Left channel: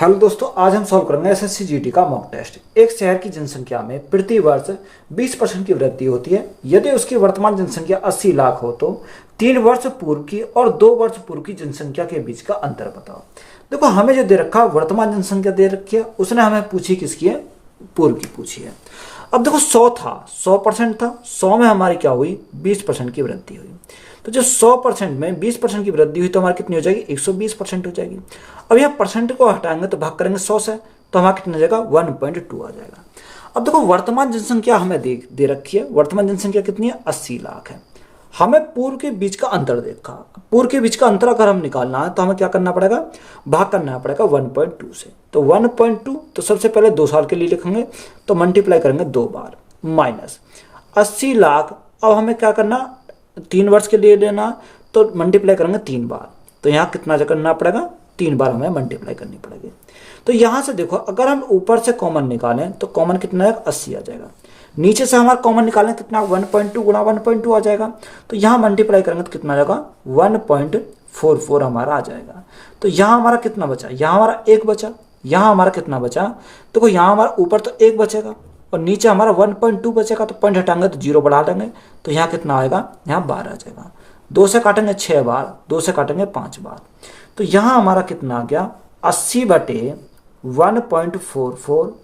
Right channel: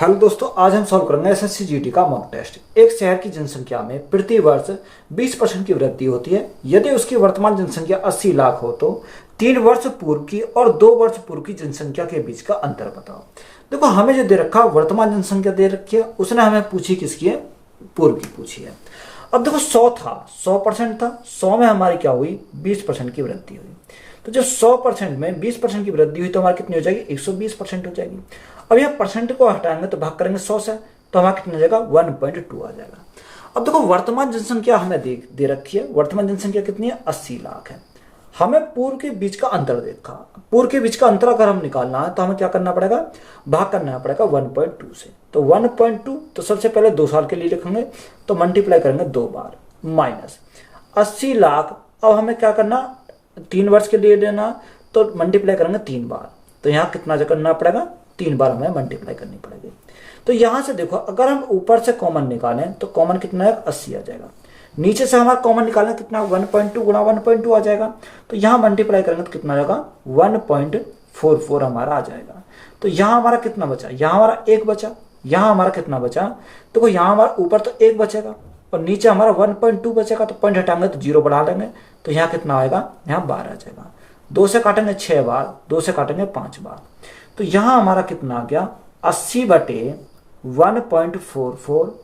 Hello दोस्तों, आज हम सॉल्व करेंगे एसएससी जीडी का मॉक टेस्ट। एक शहर की जनसंख्या में प्रति वर्ष 20% की वृद्धि होती है। यदि उसकी वर्तमान जनसंख्या 80 लाख हो तो 3 वर्ष पूर्व की और 2 वर्ष पूर्व की जनसंख्या के बीच का अंतर बताओ। देखो, हमें जो दे रखा वर्तमान जनसंख्या दे रखी है, उसने हमें पूछी किसकी है? पूर्व की पूछी है। अब देखो 100 था, 100% था, 100 में हमारी क्या हुई? 20% की वृद्धि हुई। तो जो 100% में 20% की वृद्धि हुई तो हमारी कितनी हो जाएगी? 120% हो जाएगी। अब यह परसेंट को हटाएंगे तो भाग करेंगे 100 से, तो हमारा कितना हो जाएगा? 1.2 आ जाएगा। अब देखो वर्तमान जनसंख्या हमें दे रखी है। वर्तमान जनसंख्या कितनी है? 80 लाख है। हमें पूर्व के बीच का अंतर देखा। पूर्व के बीच का अंतर अगर हम निकालना है तो हमें क्या करना पड़ेगा? भाग करना पड़ेगा 1.2 से। तो 1.2 तो सबसे पहले 2 साल के लिए लिखेंगे तो मल्टीप्लाई करेंगे 2 बार, माइनस 80 लाख। अब हमें क्या करना? 3 वर्ष के लिए लेना, तो मल्टीप्लाई करेंगे 3 बार। तो यहाँ कितना करना पड़ेगा? 3 बार हमें मल्टीप्लाई करनी पड़ेगी। तो यहां से देखो, अगर हम ऊपर से कॉमन निकालें तो कॉमन कितना है? 80 आ जाएगा। नीचे से हमारा कॉमन निकालें कितना? 1.2 गुणा 1.2 आ जाएगा। तो यहां मल्टीप्लाई करेंगे तो कितना आएगा? 1.44 हमारा आ जाएगा। तो यहां हमारा कितना बचा? यहां हमारा 1 बचा। यहां हमारा कितना बचा? देखो यहां हमारा ऊपर तो 1 बचेगा और नीचे हमारा 1.2 बचेगा। तो पॉइंट हटाएंगे तो 0 बढ़ा देंगे, तो यहाँ कितना आएगा? यहाँ 12 आ जाएगा। 2 से काटेंगे 6 बार, 2 से काटेंगे 5 बार। तो यहां हमारा कितना आ गया? 80/1.44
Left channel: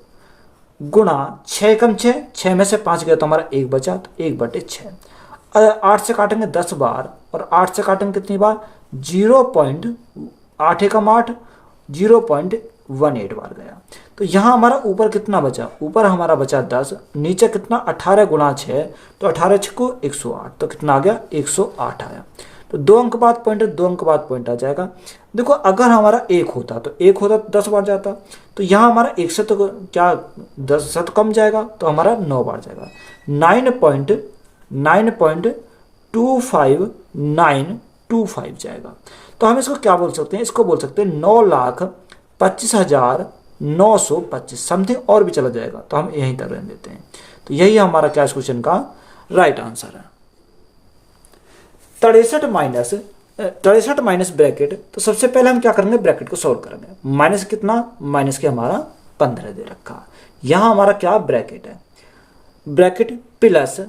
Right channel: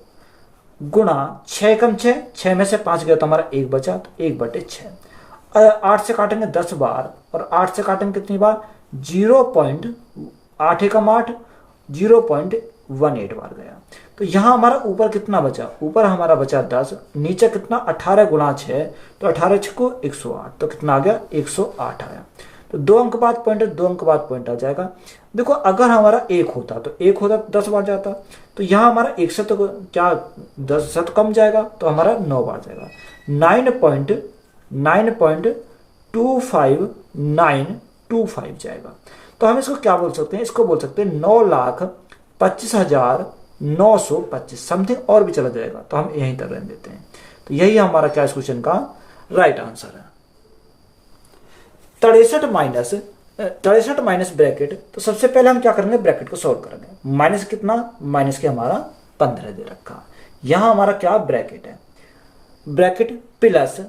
गुणा 6 कम 6 में से 5 गया तो हमारा 1 बचा, तो 1/6। 8 से काटेंगे 10 बार और 8 से काटेंगे कितनी बार? 0.8 एकम 8, 0.18 बार गया। तो यहां हमारा ऊपर कितना बचा? ऊपर हमारा बचा 10, नीचे कितना? 18 गुणा 6, तो 18 6 को 108, तो कितना आ गया? 108 आया। तो 2 अंक बाद पॉइंट है, 2 अंक बाद पॉइंट आ जाएगा। देखो अगर हमारा 1 होता तो 1 होता तो 10 बार जाता। तो यहाँ हमारा 1 से तो क्या 10 से तो कम जाएगा, तो हमारा 9 बार जाएगा। 9.25925 जाएगा। तो हम इसको क्या बोल सकते हैं? इसको बोल सकते हैं 9,25,925 समथिंग, और भी चला जाएगा तो हम यहीं तक रहने देते हैं। तो यही हमारा क्या इस क्वेश्चन का राइट आंसर है। 63 माइनस ब्रैकेट। तो सबसे पहले हम क्या करेंगे? ब्रैकेट को सॉल्व करेंगे। माइनस कितना? माइनस के हमारा 15 दे रखा। यहां हमारा क्या ब्रैकेट है? ब्रैकेट प्लस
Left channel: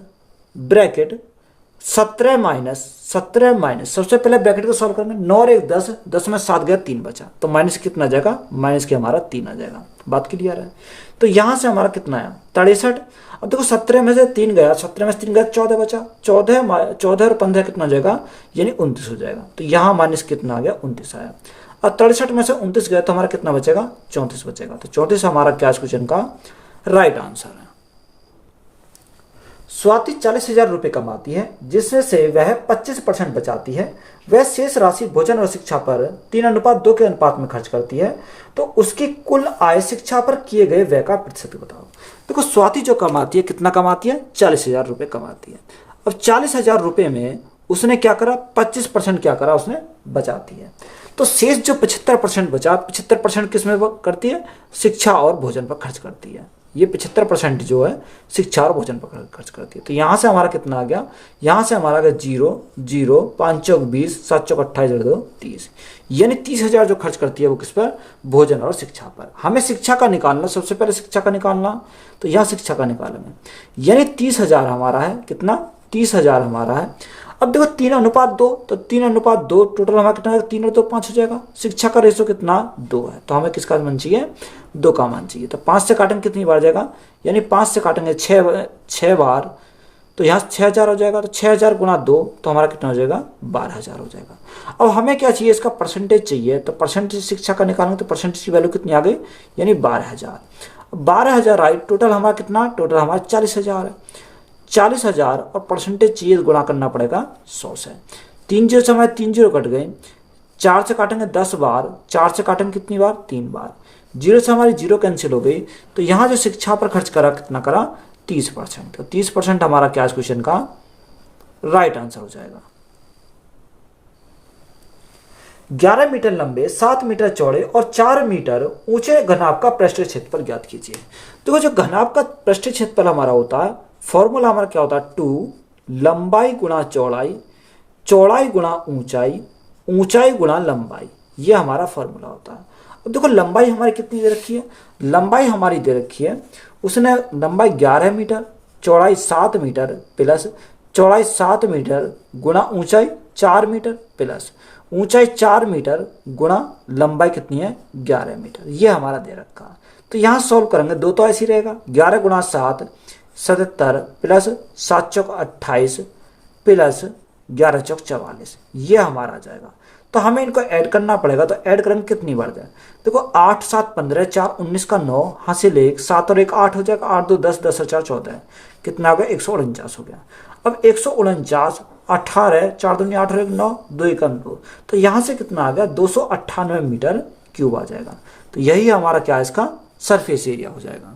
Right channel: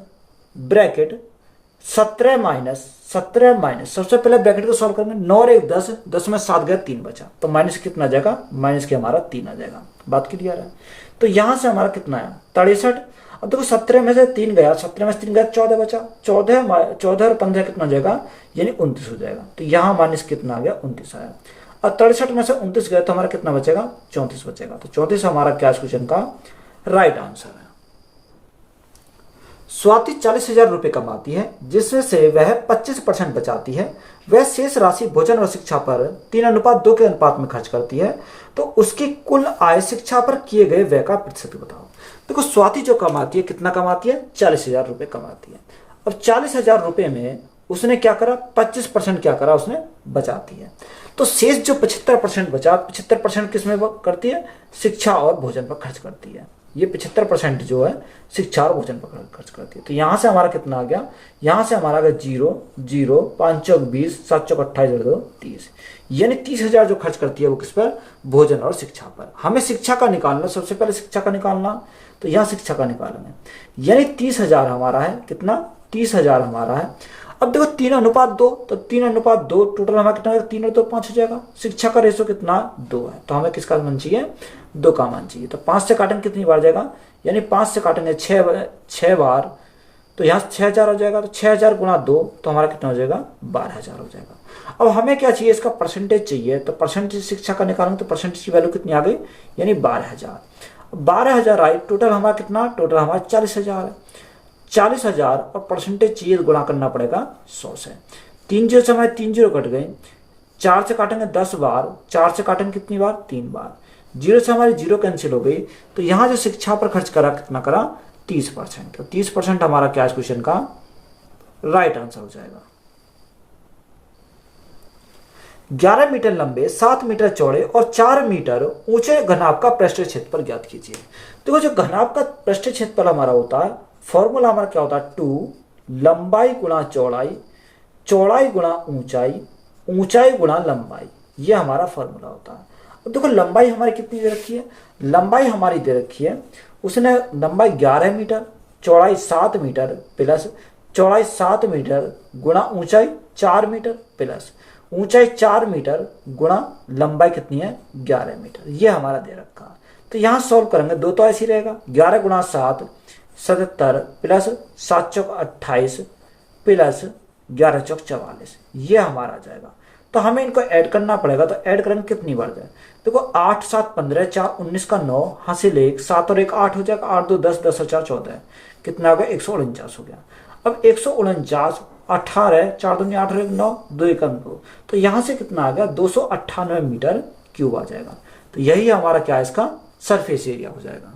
ब्रैकेट 17 माइनस सबसे पहले ब्रैकेट को सॉल्व करेंगे। 9 और 1 10, 10 में 7 गया, 3 बचा, तो माइनस कितना आ जाएगा? माइनस के हमारा 3 आ जाएगा। बात क्लियर है? तो यहां से हमारा कितना है? 63। अब देखो 17 में से 3 गया, 17 में से 3 गया, 14 बचा। 14 और 15 कितना हो जाएगा? यानी 29 हो जाएगा। तो यहाँ माइनस कितना आ गया? 29 आया। और 63 में से 29 गया तो हमारा कितना बचेगा? 34 बचेगा। तो 34 हमारा क्या क्वेश्चन का राइट आंसर है। स्वाति 40,000 रुपए कमाती है, जिसमें से वह 25% बचाती है। वह शेष राशि भोजन और शिक्षा पर 3:2 के अनुपात में खर्च करती है। तो उसकी कुल आय शिक्षा पर किए गए व्यय का प्रतिशत बताओ। देखो स्वाति जो कमाती है, कितना कमाती है? 40,000 रुपए कमाती है। अब 40,000 रुपए में उसने क्या करा? 25% क्या करा? उसने बचाती है। तो शेष जो 75% बचा, 75% किस में करती है? शिक्षा और भोजन पर खर्च करती है। ये 75% जो है शिक्षा और भोजन पर खर्च करती है। तो यहां से हमारा कितना आ गया? यहां से हमारा आ गया 0 0 5 चौक 20, 7 चौक 28, 2 30, यानी 30,000 जो खर्च करती है वो किस पर? भोजन और शिक्षा पर। हमें शिक्षा का निकालना, सबसे पहले शिक्षा का निकालना, तो यहां शिक्षा का निकालना, यानी 30,000 हमारा है। कितना? 30,000 हमारा है। अब देखो 3:2, तो 3:2 टोटल हमारा कितना है? 3 और 2 5 हो जाएगा। शिक्षा का रेशो कितना? 2 है। तो हमें किसका मान चाहिए? 2 का मान चाहिए। तो 5 से काटेंगे कितनी बार जाएगा? यानी 5 से काटेंगे 6 बार, तो यहाँ 6,000 हो जाएगा। तो 6,000 गुणा 2, तो हमारा कितना हो जाएगा? 12,000 हो जाएगा। अब हमें क्या चाहिए? इसका परसेंटेज चाहिए। तो परसेंटेज शिक्षा का निकालेंगे तो परसेंटेज की वैल्यू कितनी आ गई? यानी 12,000। 12,000 आई, टोटल हमारा कितना? टोटल हमारा 40,000 है। 40,000 और परसेंटेज चाहिए, गुणा करना पड़ेगा 100 से। 3 0 से हमारे 3 0 कट गए। 4 से काटेंगे 10 बार, 4 से काटेंगे कितनी बार? 3 बार। 0 से हमारी 0 कैंसिल हो गई। तो यहाँ जो शिक्षा पर खर्च करा, कितना करा? 30%। तो 30% हमारा क्या क्वेश्चन का राइट आंसर हो जाएगा। 11 मीटर लंबे, 7 मीटर चौड़े और 4 मीटर ऊंचे घनाभ का पृष्ठ क्षेत्रफल ज्ञात कीजिए। देखो जो घनाभ का पृष्ठ क्षेत्रफल हमारा होता है, फॉर्मूला हमारा क्या होता है? 2 लंबाई गुणा चौड़ाई, चौड़ाई गुणा ऊंचाई, ऊंचाई गुणा लंबाई, ये हमारा फॉर्मूला होता है। अब देखो लंबाई हमारी कितनी दे रखी है, लंबाई हमारी दे रखी है, उसने लंबाई 11 मीटर, चौड़ाई 7 मीटर प्लस चौड़ाई 7 मीटर गुणा ऊंचाई 4 मीटर प्लस ऊंचाई 4 मीटर गुणा लंबाई कितनी है 11 मीटर, ये हमारा दे रखा है। तो यहाँ सॉल्व करेंगे, दो तो ऐसे ही रहेगा, 11 गुणा 7 77 प्लस 7 चौक 28 प्लस 11 चौक 44, ये हमारा आ जाएगा। तो हमें इनको ऐड करना पड़ेगा, तो ऐड करेंगे कितनी बार जाए, देखो 8 7 15 4 19 का 9 हासिल 1 7 और 1 8 हो जाएगा, 8 2 10 10 और 4 14, कितना हो गया 149 हो गया। अब 149 18 4 दूनी 8 और 1 9 2 1 2, तो यहां से कितना आ गया 298 मीटर क्यूब आ जाएगा। तो यही हमारा क्या है इसका सरफेस एरिया हो जाएगा।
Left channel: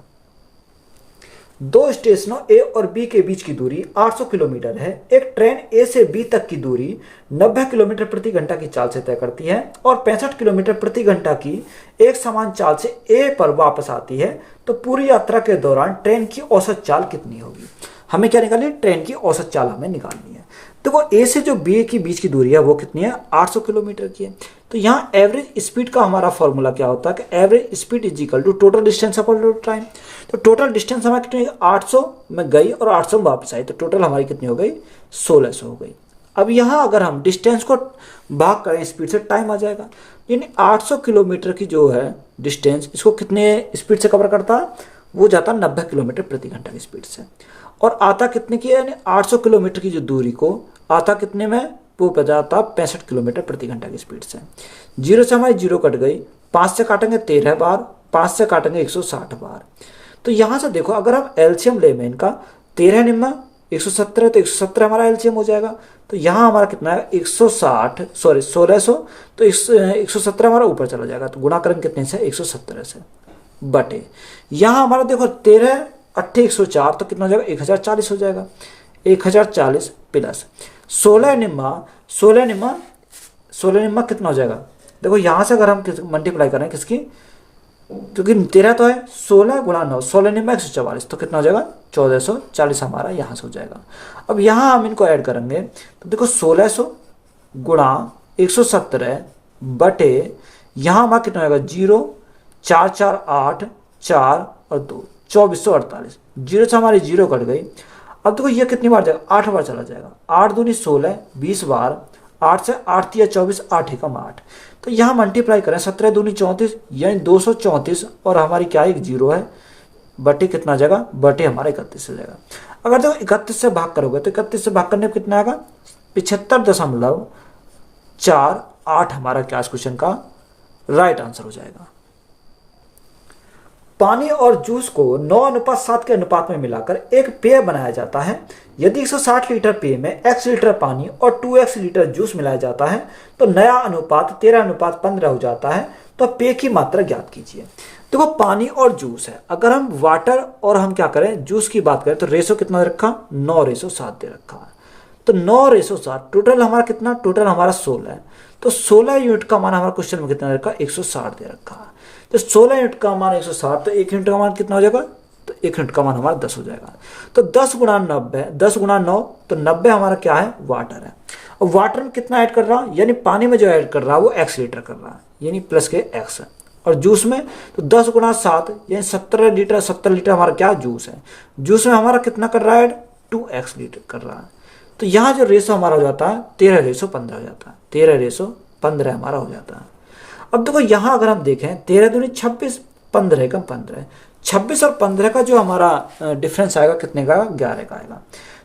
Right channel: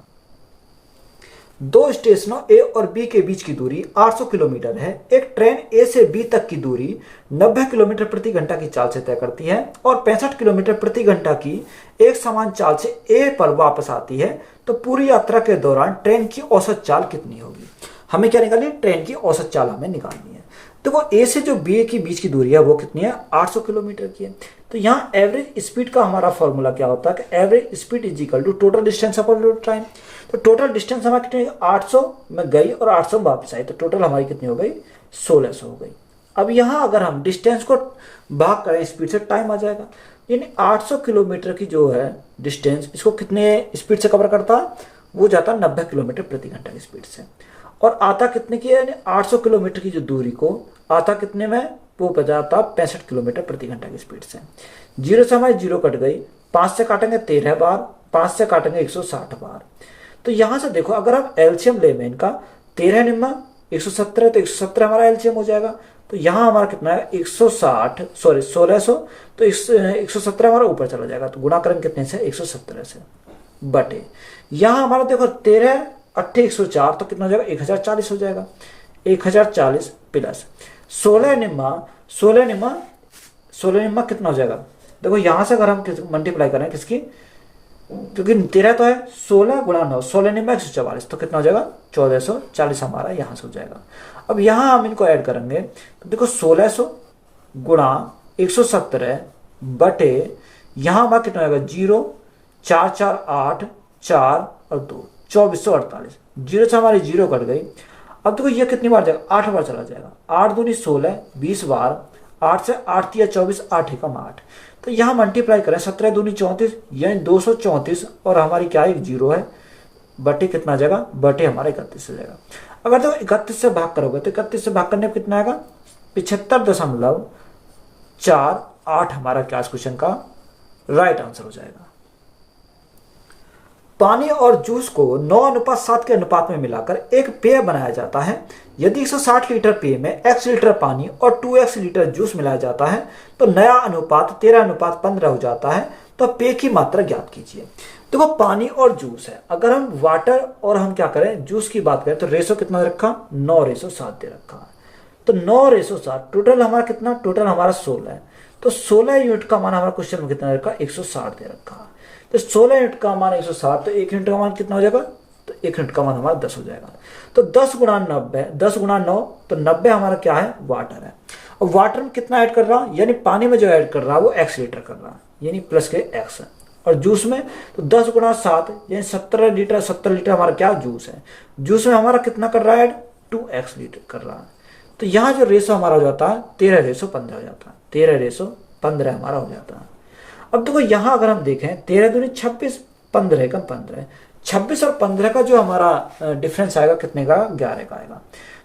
दो स्टेशनों ए और बी के बीच की दूरी 800 किलोमीटर है। एक ट्रेन ए से बी तक की दूरी 90 किलोमीटर प्रति घंटा की चाल से तय करती है और 65 किलोमीटर प्रति घंटा की एक समान चाल से ए पर वापस आती है, तो पूरी यात्रा के दौरान ट्रेन की औसत चाल कितनी होगी। हमें क्या निकालनी है, ट्रेन की औसत चाल हमें निकालनी है। देखो ए से जो बी के बीच की दूरी है वो कितनी है 800 किलोमीटर की है। तो यहाँ एवरेज स्पीड का हमारा फॉर्मूला क्या होता है कि average speed is equal to total distance upon time. तो टोटल डिस्टेंस हमारी कितनी 800 में गई और 800 में वापस आई, तो टोटल हमारी कितनी हो गई 1600 हो गई। अब यहाँ अगर हम डिस्टेंस को भाग करें स्पीड से, टाइम आ जाएगा। यानी 800 किलोमीटर की जो है डिस्टेंस, इसको कितने स्पीड से कवर करता है, वो जाता 90 किलोमीटर प्रति घंटा की स्पीड से, और आता कितने की है, यानी 800 किलोमीटर की जो दूरी को आता कितने में, वो पता जाता 65 किलोमीटर प्रति घंटा की स्पीड से। जीरो से हमारी जीरो कट गई, 5 से काटेंगे 13 बार, 5 से काटेंगे 160 बार। तो यहां से देखो अगर हम एलसीएम ले में इनका 13 निम्न 170, तो 170 हमारा एलसीएम हो जाएगा। तो यहां हमारा कितना है 160 सॉरी 1600, तो 170 हमारा ऊपर चला जाएगा, तो गुणा करेंगे कितने से 170 से बटे, यहां हमारा देखो 13 8 104, तो कितना हो जाएगा 1040 हो जाएगा। 1040 प्लस 16 निम्मा कितना हो जाएगा, देखो यहां से अगर हम मल्टीप्लाई करें किसकी, क्योंकि 13 तो है, 16 गुणा 9 16 निम्मा 144, तो कितना हो जाएगा 1440 हमारा यहां से हो जाएगा। अब यहां हम इनको ऐड करेंगे, तो देखो 1600 गुणा 170 बटे यहां हमारा कितना होगा 0 4 4 8 4 और 2 2448, जीरो से हमारी जीरो कट गई। अब देखो ये कितनी बार जाएगा 8 बार चला जाएगा, 8 दूनी 16 20 बार, 8 से 8 या 24 8 एकम 8, तो यहाँ मल्टीप्लाई करें 17 दूनी 34 यानी 234, और हमारी क्या एक जीरो है बटे कितना जाएगा बटे हमारा 31 हो जाएगा। अगर देखो 31 से भाग करोगे तो 31 से भाग करने में कितना आएगा 75.48 हमारा क्या क्वेश्चन का राइट आंसर हो जाएगा। पानी और जूस को 9:7 के अनुपात में मिलाकर एक पेय बनाया जाता है। यदि 160 लीटर पेय में x लीटर पानी और 2x लीटर जूस मिलाया जाता है तो नया अनुपात 13:15 हो जाता है। तो पेय की मात्रा ज्ञात कीजिए। देखो पानी और जूस है, अगर हम वाटर और हम क्या करें जूस की बात करें तो रेशो कितना रखा 9:7 दे रखा है। तो 9:7 टोटल हमारा कितना, टोटल हमारा 16 है। तो 16 यूनिट का मान हमारा क्वेश्चन में कितना रखा 160 दे रखा है। तो 16 यूनिट का मान 160, तो 1 यूनिट का मान कितना हो जाएगा, तो 1 यूनिट का मान हमारा 10 हो जाएगा। तो 10 गुणा 90, 10 गुणा 9, तो 90 हमारा क्या है वाटर है। और वाटर में कितना ऐड कर रहा हूं, यानी पानी में जो ऐड कर रहा है वो x लीटर कर रहा है, यानी प्लस के x है। और जूस में तो 10 गुणा 7 यानी 17 लीटर, 70 लीटर हमारा क्या जूस है। जूस में हमारा कितना कर रहा है 2x लीटर कर रहा है। तो यहाँ जो रेशो हमारा हो जाता है 13:15 हो जाता है, 13:15 हमारा हो जाता है। अब देखो यहां अगर हम देखें 13 दूनी 26, 15 का 15, 26 और 15 का जो हमारा डिफरेंस आएगा कितने का 11 का आएगा।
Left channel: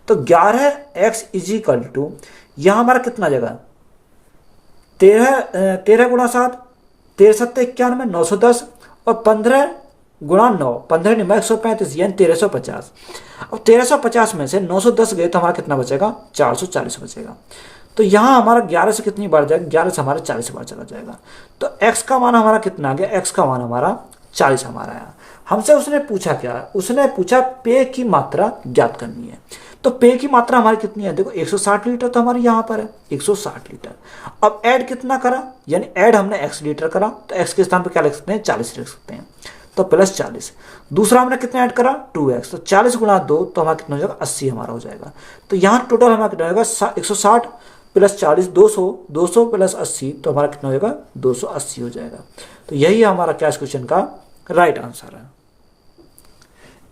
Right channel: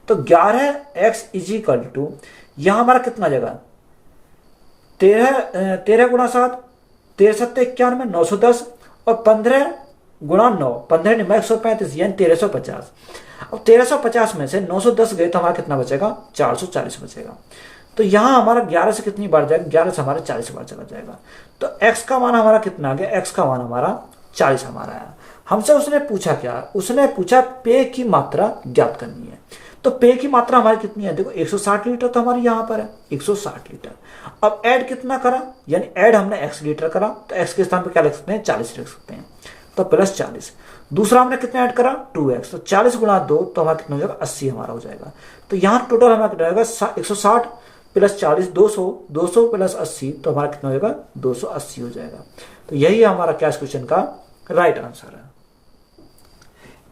तो 11x इज इक्वल टू यहां हमारा कितना जगह 13 गुणा 7, 13 7 91 910, और 15 गुणा 9 15 निम्बा 135 यानी 1350। अब 1350 में से 910 गए तो हमारा कितना बचेगा 440 बचेगा। तो यहां हमारा 11 से कितनी बार जाएगा 11 से हमारा 40 बार चला जाएगा। तो x का मान हमारा कितना आ गया, x का मान हमारा 40 हमारा है। हमसे उसने पूछा क्या, उसने पूछा पेय की मात्रा ज्ञात करनी है। तो पेय की मात्रा हमारी कितनी है, देखो 160 लीटर तो हमारी यहां पर है 160 लीटर। अब ऐड कितना करा, यानी ऐड हमने x लीटर करा, तो x के स्थान पर क्या लिख सकते हैं 40 लिख सकते हैं, तो प्लस 40। दूसरा हमने कितना ऐड करा 2x, तो 40 गुणा 2 तो हमारा कितना हो जाएगा 80 हमारा हो जाएगा। तो यहाँ टोटल हमारा कितना होगा 160 प्लस 40 200, 200 प्लस 80 तो हमारा कितना हो जाएगा 280 हो जाएगा। तो यही हमारा क्या इस क्वेश्चन का राइट आंसर है।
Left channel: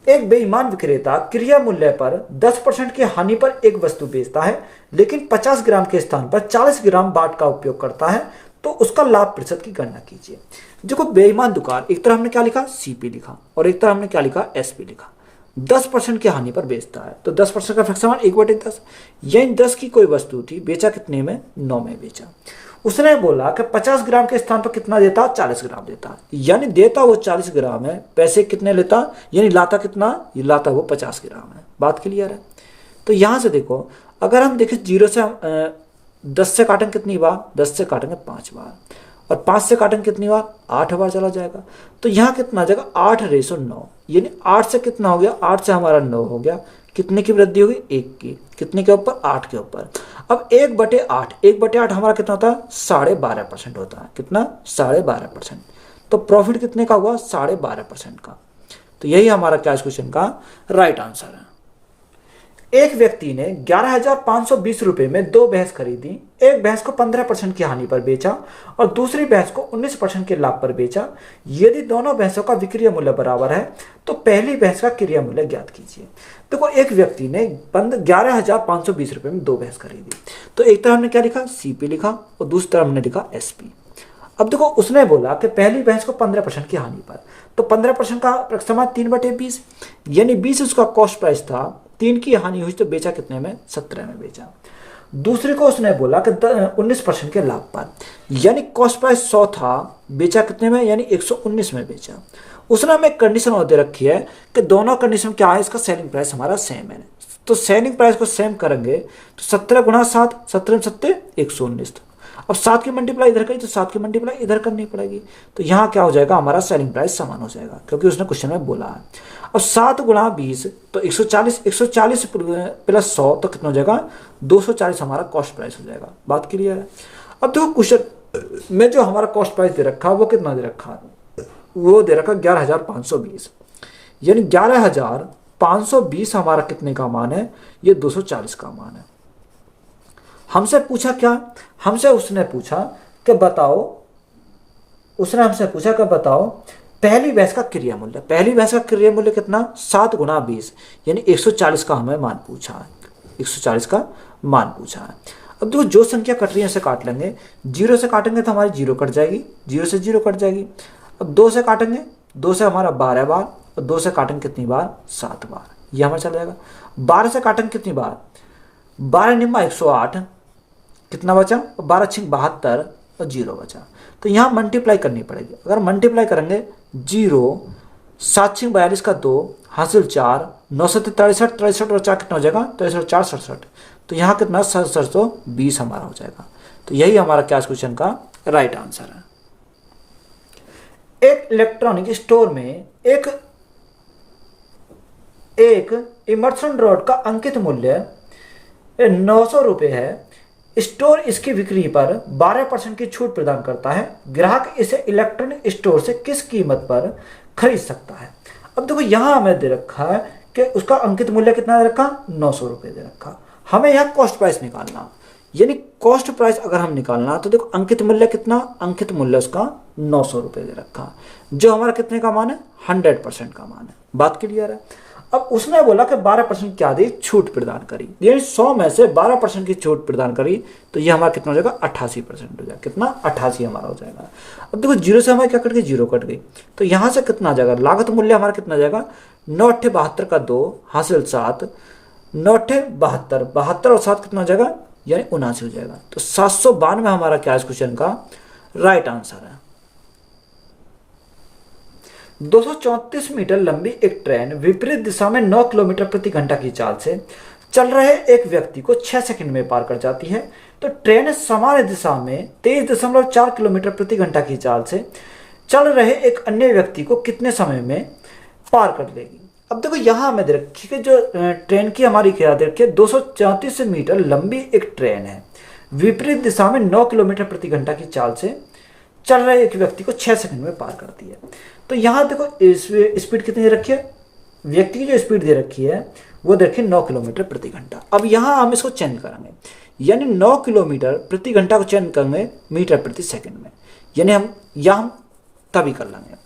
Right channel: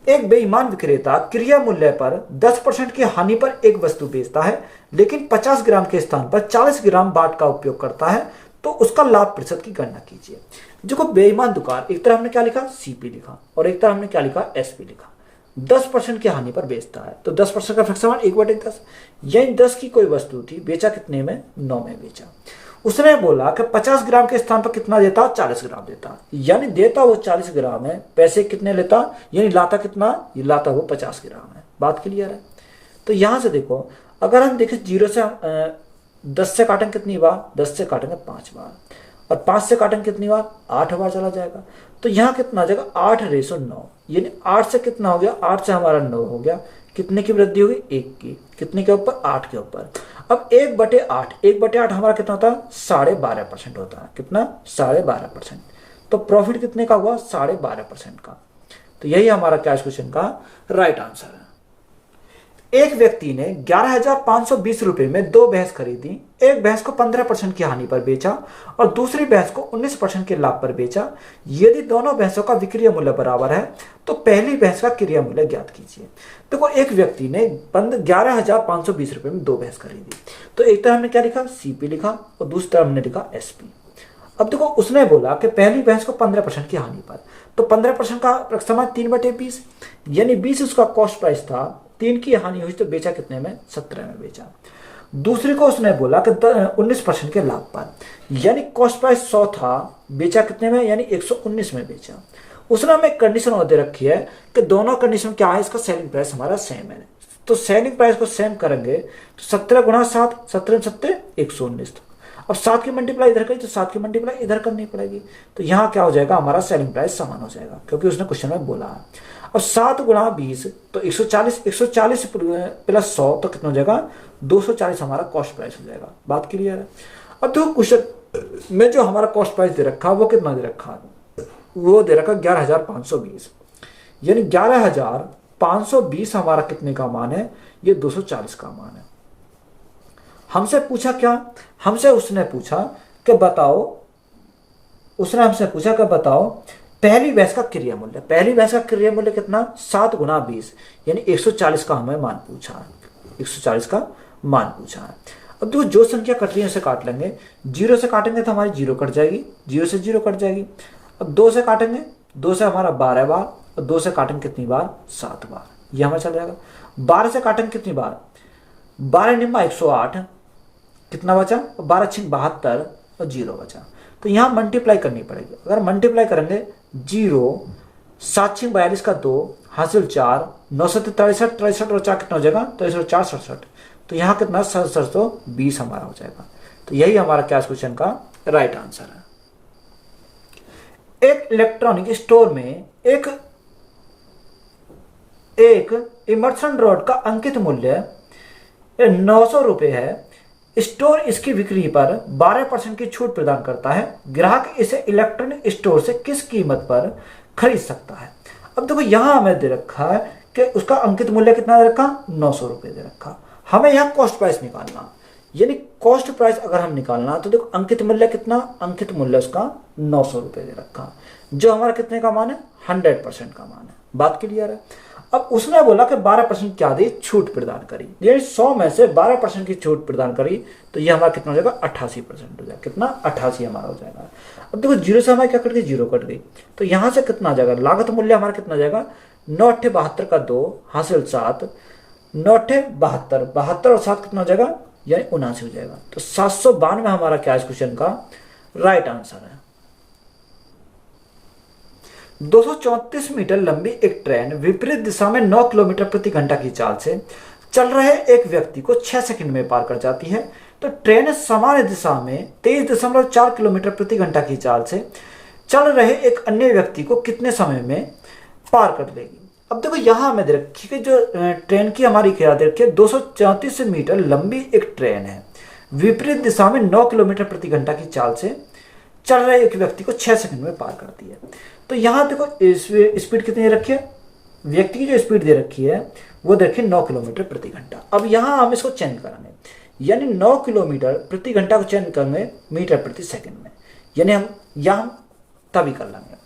एक बेईमान विक्रेता क्रिया मूल्य पर 10% की हानि पर एक वस्तु बेचता है, लेकिन 50 ग्राम के स्थान पर 40 ग्राम बाट का उपयोग करता है, तो उसका लाभ प्रतिशत की गणना कीजिए। देखो बेईमान दुकान, एक तरह हमने क्या लिखा सीपी लिखा और एक तरह हमने क्या लिखा एसपी लिखा। 10% की हानि पर बेचता है तो 10% का फ्रैक्शन 1/10, यानी 10 की कोई वस्तु थी, बेचा कितने में 9 में बेचा। उसने बोला कि 50 ग्राम के स्थान पर कितना देता 40 ग्राम देता, यानी देता वो 40 ग्राम है, पैसे कितने लेता, यानी लाता कितना, ये लाता वो 50 ग्राम है। बात क्लियर है। तो यहां से देखो अगर हम देखें 0 से 10 से काटेंगे कितनी बार, 10 से काटेंगे 5 बार और 5 से काटेंगे कितनी बार 8 बार चला जाएगा। तो यहाँ कितना आ जाएगा 8:9, यानी 8 से कितना हो गया, 8 से हमारा 9 हो गया, कितने की वृद्धि होगी 1 की, कितने के ऊपर 8 के ऊपर। अब 1/8, 1/8 हमारा कितना होता है 12.5% होता है, कितना 12.5%। तो प्रॉफिट कितने का हुआ 12.5% का। तो यही हमारा क्या इस क्वेश्चन का राइट आंसर है। एक व्यक्ति ने 11,520 रुपए में 2 भैंस खरीदी, एक भैंस को 15% की हानि पर बेचा और दूसरी भैंस को 19% के लाभ पर बेचा। यदि दोनों भैंसों का विक्रय मूल्य बराबर है तो पहली भैंस का क्रय मूल्य ज्ञात कीजिए। देखो एक व्यक्ति ने 11,520 रुपए में 2 भैंस खरीदी, तो एक तरह हमने क्या लिखा सीपी लिखा और दूसरी तरफ हमने लिखा एसपी। अब देखो उसने बोला कि पहली भैंस को 15% की हानि पर, तो 15% का समान 3/20, यानी 20 उसका कॉस्ट प्राइस था, 3 की हानि हुई तो बेचा कितने में 17 में बेचा। दूसरे को उसने बोला कि 19% के लाभ पर, यानी कॉस्ट प्राइस 100 था, बेचा कितने में यानी 119 में बेचा। उसने हमें एक कंडीशन और दे रखी है कि दोनों कंडीशन क्या है, इसका सेलिंग प्राइस हमारा सेम है, तो सेलिंग प्राइस को सेम करेंगे तो 17 गुणा 7, 17 7 119। अब 7 की मल्टीप्लाई इधर करी तो 7 की मल्टीप्लाई इधर करनी पड़ेगी, तो यहाँ क्या हो जाएगा हमारा सेलिंग प्राइस समान हो जाएगा, क्योंकि उसने क्वेश्चन में बोला है। अब 7 गुणा 20 तो 140, 140 प्लस 100 तो कितना हो जाएगा 240 हमारा कॉस्ट प्राइस हो जाएगा। बात क्लियर है। अब देखो क्वेश्चन में जो हमारा कॉस्ट प्राइस दे रखा वो कितना दे रखा है, वो दे रखा 11,520, यानी 11,520 हमारा कितने का मान है, ये 240 का मान है। हमसे पूछा क्या, हमसे उसने पूछा कि बताओ, उसने हमसे पूछा कि बताओ पहली भैंस का क्रय मूल्य, पहली भैंस का क्रय मूल्य कितना 7 गुणा 20, यानी 140 का हमें मान पूछा है, 140 का मान पूछा है। अब देखो जो संख्या कट रही है उसे काट लेंगे, 0 से काटेंगे तो हमारी 0 कट जाएगी, 0 से 0 कट जाएगी। अब 2 से काटेंगे, 2 से हमारा 12 बार और 2 से काटेंगे कितनी बार 7 बार, यह हमारा चल जाएगा। 12 से काटेंगे कितनी बार, 12 निम्मा 108, कितना बचा 12 6 72 और 0 बचा, तो यहां मल्टीप्लाई करनी पड़ेगी। अगर मल्टीप्लाई करेंगे 0 7 6 42 का 2 हासिल 4 9 7 63 63 और 4 कितना हो जाएगा 63 4 67, तो यहाँ कितना 720 हमारा हो जाएगा। तो यही हमारा क्या क्वेश्चन का राइट आंसर है। एक इलेक्ट्रॉनिक स्टोर में एक इमर्सन रॉड का अंकित मूल्य 900 रुपए है। स्टोर इसकी बिक्री पर 12% की छूट प्रदान करता है। ग्राहक इसे इलेक्ट्रॉनिक स्टोर से किस कीमत पर खरीद सकता है। अब देखो यहां हमें दे रखा है कि उसका अंकित मूल्य कितना दे रखा 900 रुपए दे रखा। हमें यहाँ कॉस्ट प्राइस निकालना, यानी कॉस्ट प्राइस अगर हम निकालना तो देखो अंकित मूल्य कितना, अंकित मूल्य उसका 900 रुपए दे रखा, जो हमारा कितने का मान है 100% का मान है। बात क्लियर है। अब उसने बोला कि 12% क्या दी छूट प्रदान करी, यानी 100 में से 12% की छूट प्रदान करी, तो ये हमारा कितना हो जाएगा 88% हो जाएगा, कितना 88 हमारा हो जाएगा। अब देखो 0 से हमारे क्या कट गई 0 कट गई, तो यहां से कितना आ जाएगा लागत मूल्य हमारा कितना जाएगा 9 8 72 का 2 हासिल 7 9 8 72 72 और 7 कितना हो जाएगा यानी 79 हो जाएगा। तो 792 हमारा क्या इस क्वेश्चन का राइट आंसर है। 234 मीटर लंबी एक ट्रेन विपरीत दिशा में 9 किलोमीटर प्रति घंटा की चाल से चल रहे एक व्यक्ति को 6 सेकंड में पार कर जाती है, तो ट्रेन समान दिशा में 23.4 किलोमीटर प्रति घंटा की चाल से चल रहे एक अन्य व्यक्ति को कितने समय में पार कर लेगी। अब देखो यहां हमें दे रखी कि जो ट्रेन की हमारी क्या दे रखी है 234 मीटर लंबी एक ट्रेन है, विपरीत दिशा में 9 किलोमीटर प्रति घंटा की चाल से चल रहे एक व्यक्ति को 6 सेकंड में पार करती है। तो यहां देखो स्पीड कितनी दे रखी है, व्यक्ति की जो स्पीड दे रखी है वो देखिए 9 किलोमीटर प्रति घंटा। अब यहां हम इसको चेंज करेंगे, यानी 9 किलोमीटर प्रति घंटा को चेंज करेंगे मीटर प्रति सेकंड में, यानी हम तभी कर लेंगे।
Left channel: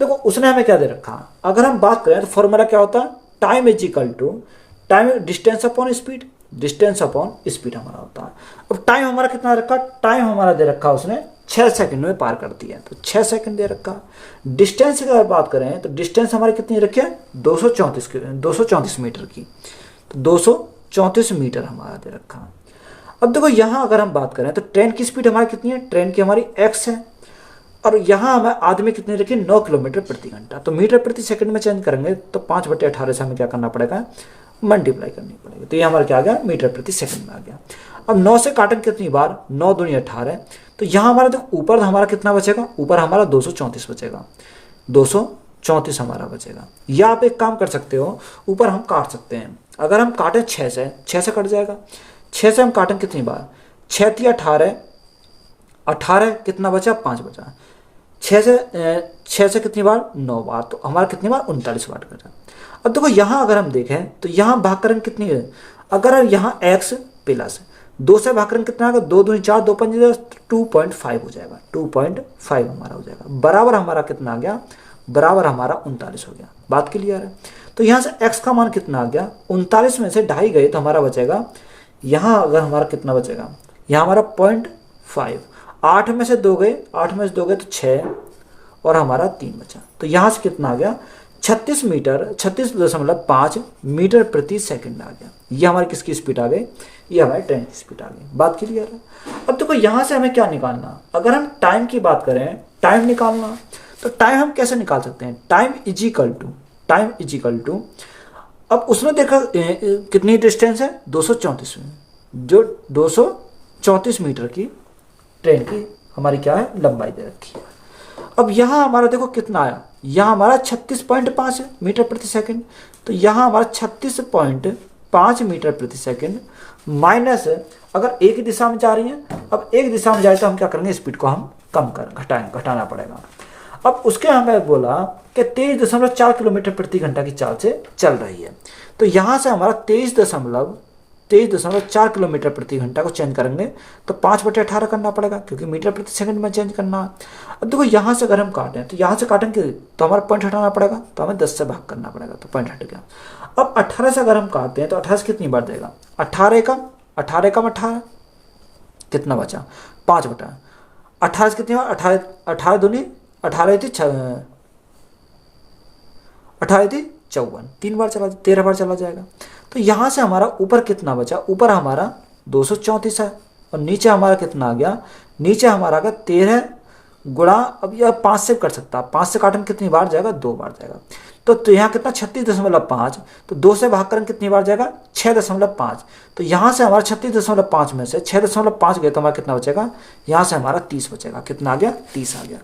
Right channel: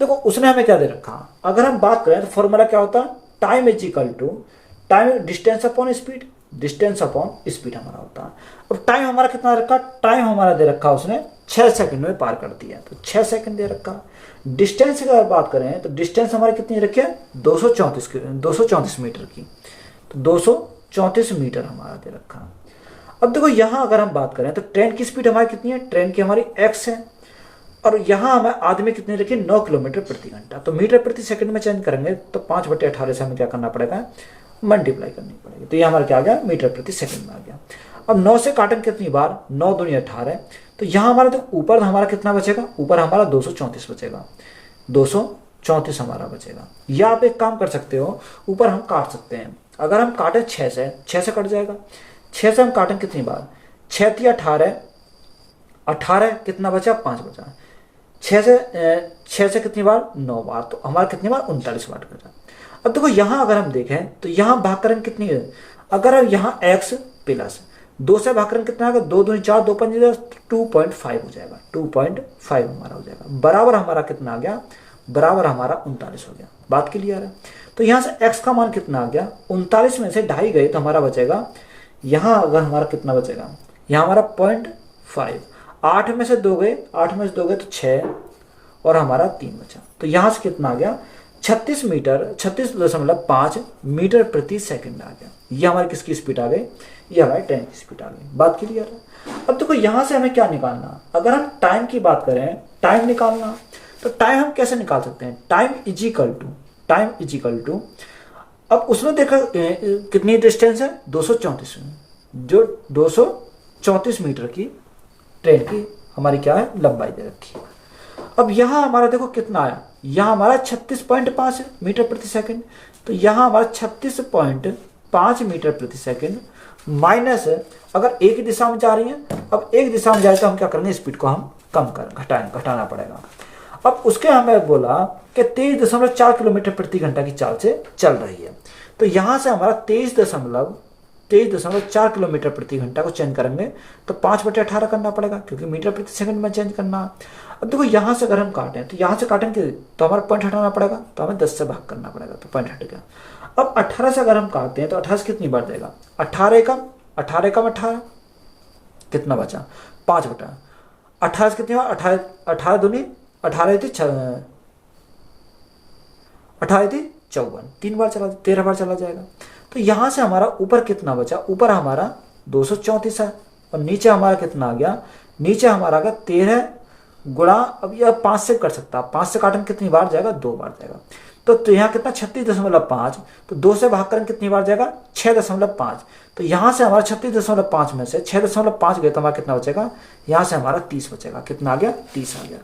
देखो उसने हमें क्या दे रखा, अगर हम बात करें तो फॉर्मूला क्या होता है, time is equal to time distance upon speed, distance upon speed हमारा होता है। अब टाइम हमारा कितना रखा, टाइम हमारा दे रखा उसने 6 सेकंड में पार कर दिया, तो 6 सेकंड दे रखा। डिस्टेंस की अगर बात करें तो डिस्टेंस हमारी कितनी रखी है, 234 मीटर की, तो 234 मीटर हमारा दे रखा। अब देखो यहाँ अगर हम बात करें तो ट्रेन की स्पीड हमारी कितनी है, ट्रेन की हमारी x है, और यहाँ हमें आदमी कितनी रखी, 9 किलोमीटर प्रति घंटा। तो मीटर प्रति सेकंड में चेंज करेंगे तो 5/18 से हमें क्या करना पड़ेगा, मल्टीप्लाई करनी पड़ेगी। तो ये हमारा क्या आ गया, मीटर प्रति सेकंड में आ गया। अब 9 से काटेंगे कितनी बार, 9 दूनी 18, तो यहाँ हमारा जो ऊपर हमारा कितना बचेगा, ऊपर हमारा 234 बचेगा, 234 हमारा बचेगा। या आप एक काम कर सकते हो, ऊपर हम काट सकते हैं। अगर हम काटें 6 से कट जाएगा, 6 से हम काटें कितनी बार, 6 थी 18, 18 कितना बचा, 5 बचा। 6 से कितनी बार, 9 बार, तो हमारा कितनी बार, 39 बार बचा। अब देखो यहाँ अगर हम देखें तो यहाँ भाग करें कितनी है, अगर यहाँ x प्लस 2 से भाग करें कितना आएगा, 2 दूनी 4, 2 पंजे 2.5 हो जाएगा, 2.5 हमारा हो जाएगा। बराबर हमारा कितना आ गया, बराबर हमारा 39 हो गया। बात क्लियर है। तो यहाँ से x का मान कितना आ गया, 39 में से 2.5 गए तो हमारा बचेगा, यहाँ अगर हमारा कितना बचेगा, यहाँ हमारा 0.5, 8 में से 2 गए, 8 में से 2 गए तो 6, और हमारा 3 बचा। तो यहाँ से कितना आ गया, 36.5 मीटर प्रति सेकंड आ गया। ये हमारी किसकी स्पीड आ गई, ये हमारी ट्रेन की स्पीड आ गई। बात क्लियर है। अब देखो यहाँ से हमें क्या निकालना, अगर हम टाइम की बात करें, टाइम निकालना, तो टाइम हम कैसे निकाल सकते हैं, टाइम इज इक्वल टू अब उसने देखा कितनी डिस्टेंस है, 234 में, जो 234 मीटर की ट्रेन की हमारी क्या है, लंबाई दे रखी है। अब यहाँ हमारा देखो कितना आया, यहाँ हमारा 36.5 मीटर प्रति सेकंड, तो यहाँ हमारा 36.5 मीटर प्रति सेकंड माइनस, अगर एक ही दिशा में जा रही है, अब एक दिशा में जाए तो हम क्या करेंगे, स्पीड को हम कम कर घटाना पड़ेगा। अब उसके हमें बोला कि 23.4 किलोमीटर प्रति घंटा की चाल से चल रही है, तो यहाँ से हमारा 23.4 किलोमीटर प्रति घंटा को चेंज करेंगे तो 5/18 करना पड़ेगा, क्योंकि मीटर प्रति सेकंड में चेंज करना है। अब देखो यहाँ से अगर हम काटें तो यहाँ से काटेंगे तो हमारा पॉइंट हटाना पड़ेगा, तो हमें 10 से भाग करना पड़ेगा, तो पॉइंट हट गया। अब 18 से अगर हम काटते हैं तो 18 से कितनी बार देगा, 18 कम 18 कितना बचा, 5 बटा 18 से कितनी बार, 18 दूनी 18 थी 54, 3 बार चला, 13 बार चला जाएगा। तो यहाँ से हमारा ऊपर कितना बचा, ऊपर हमारा 234 है, और नीचे हमारा कितना आ गया, नीचे हमारा आ गया 13 गुणा, अब यह 5 से कर सकता है, 5 से काटेंगे कितनी बार जाएगा, 2 बार जाएगा। तो यहाँ कितना 36.5, तो 2 से भाग करेंगे कितनी बार जाएगा, 6.5। तो यहाँ से हमारा 36.5 में से 6.5 गए तो हमारा कितना बचेगा, यहाँ से हमारा 30 बचेगा, कितना आ गया, 30 आ गया।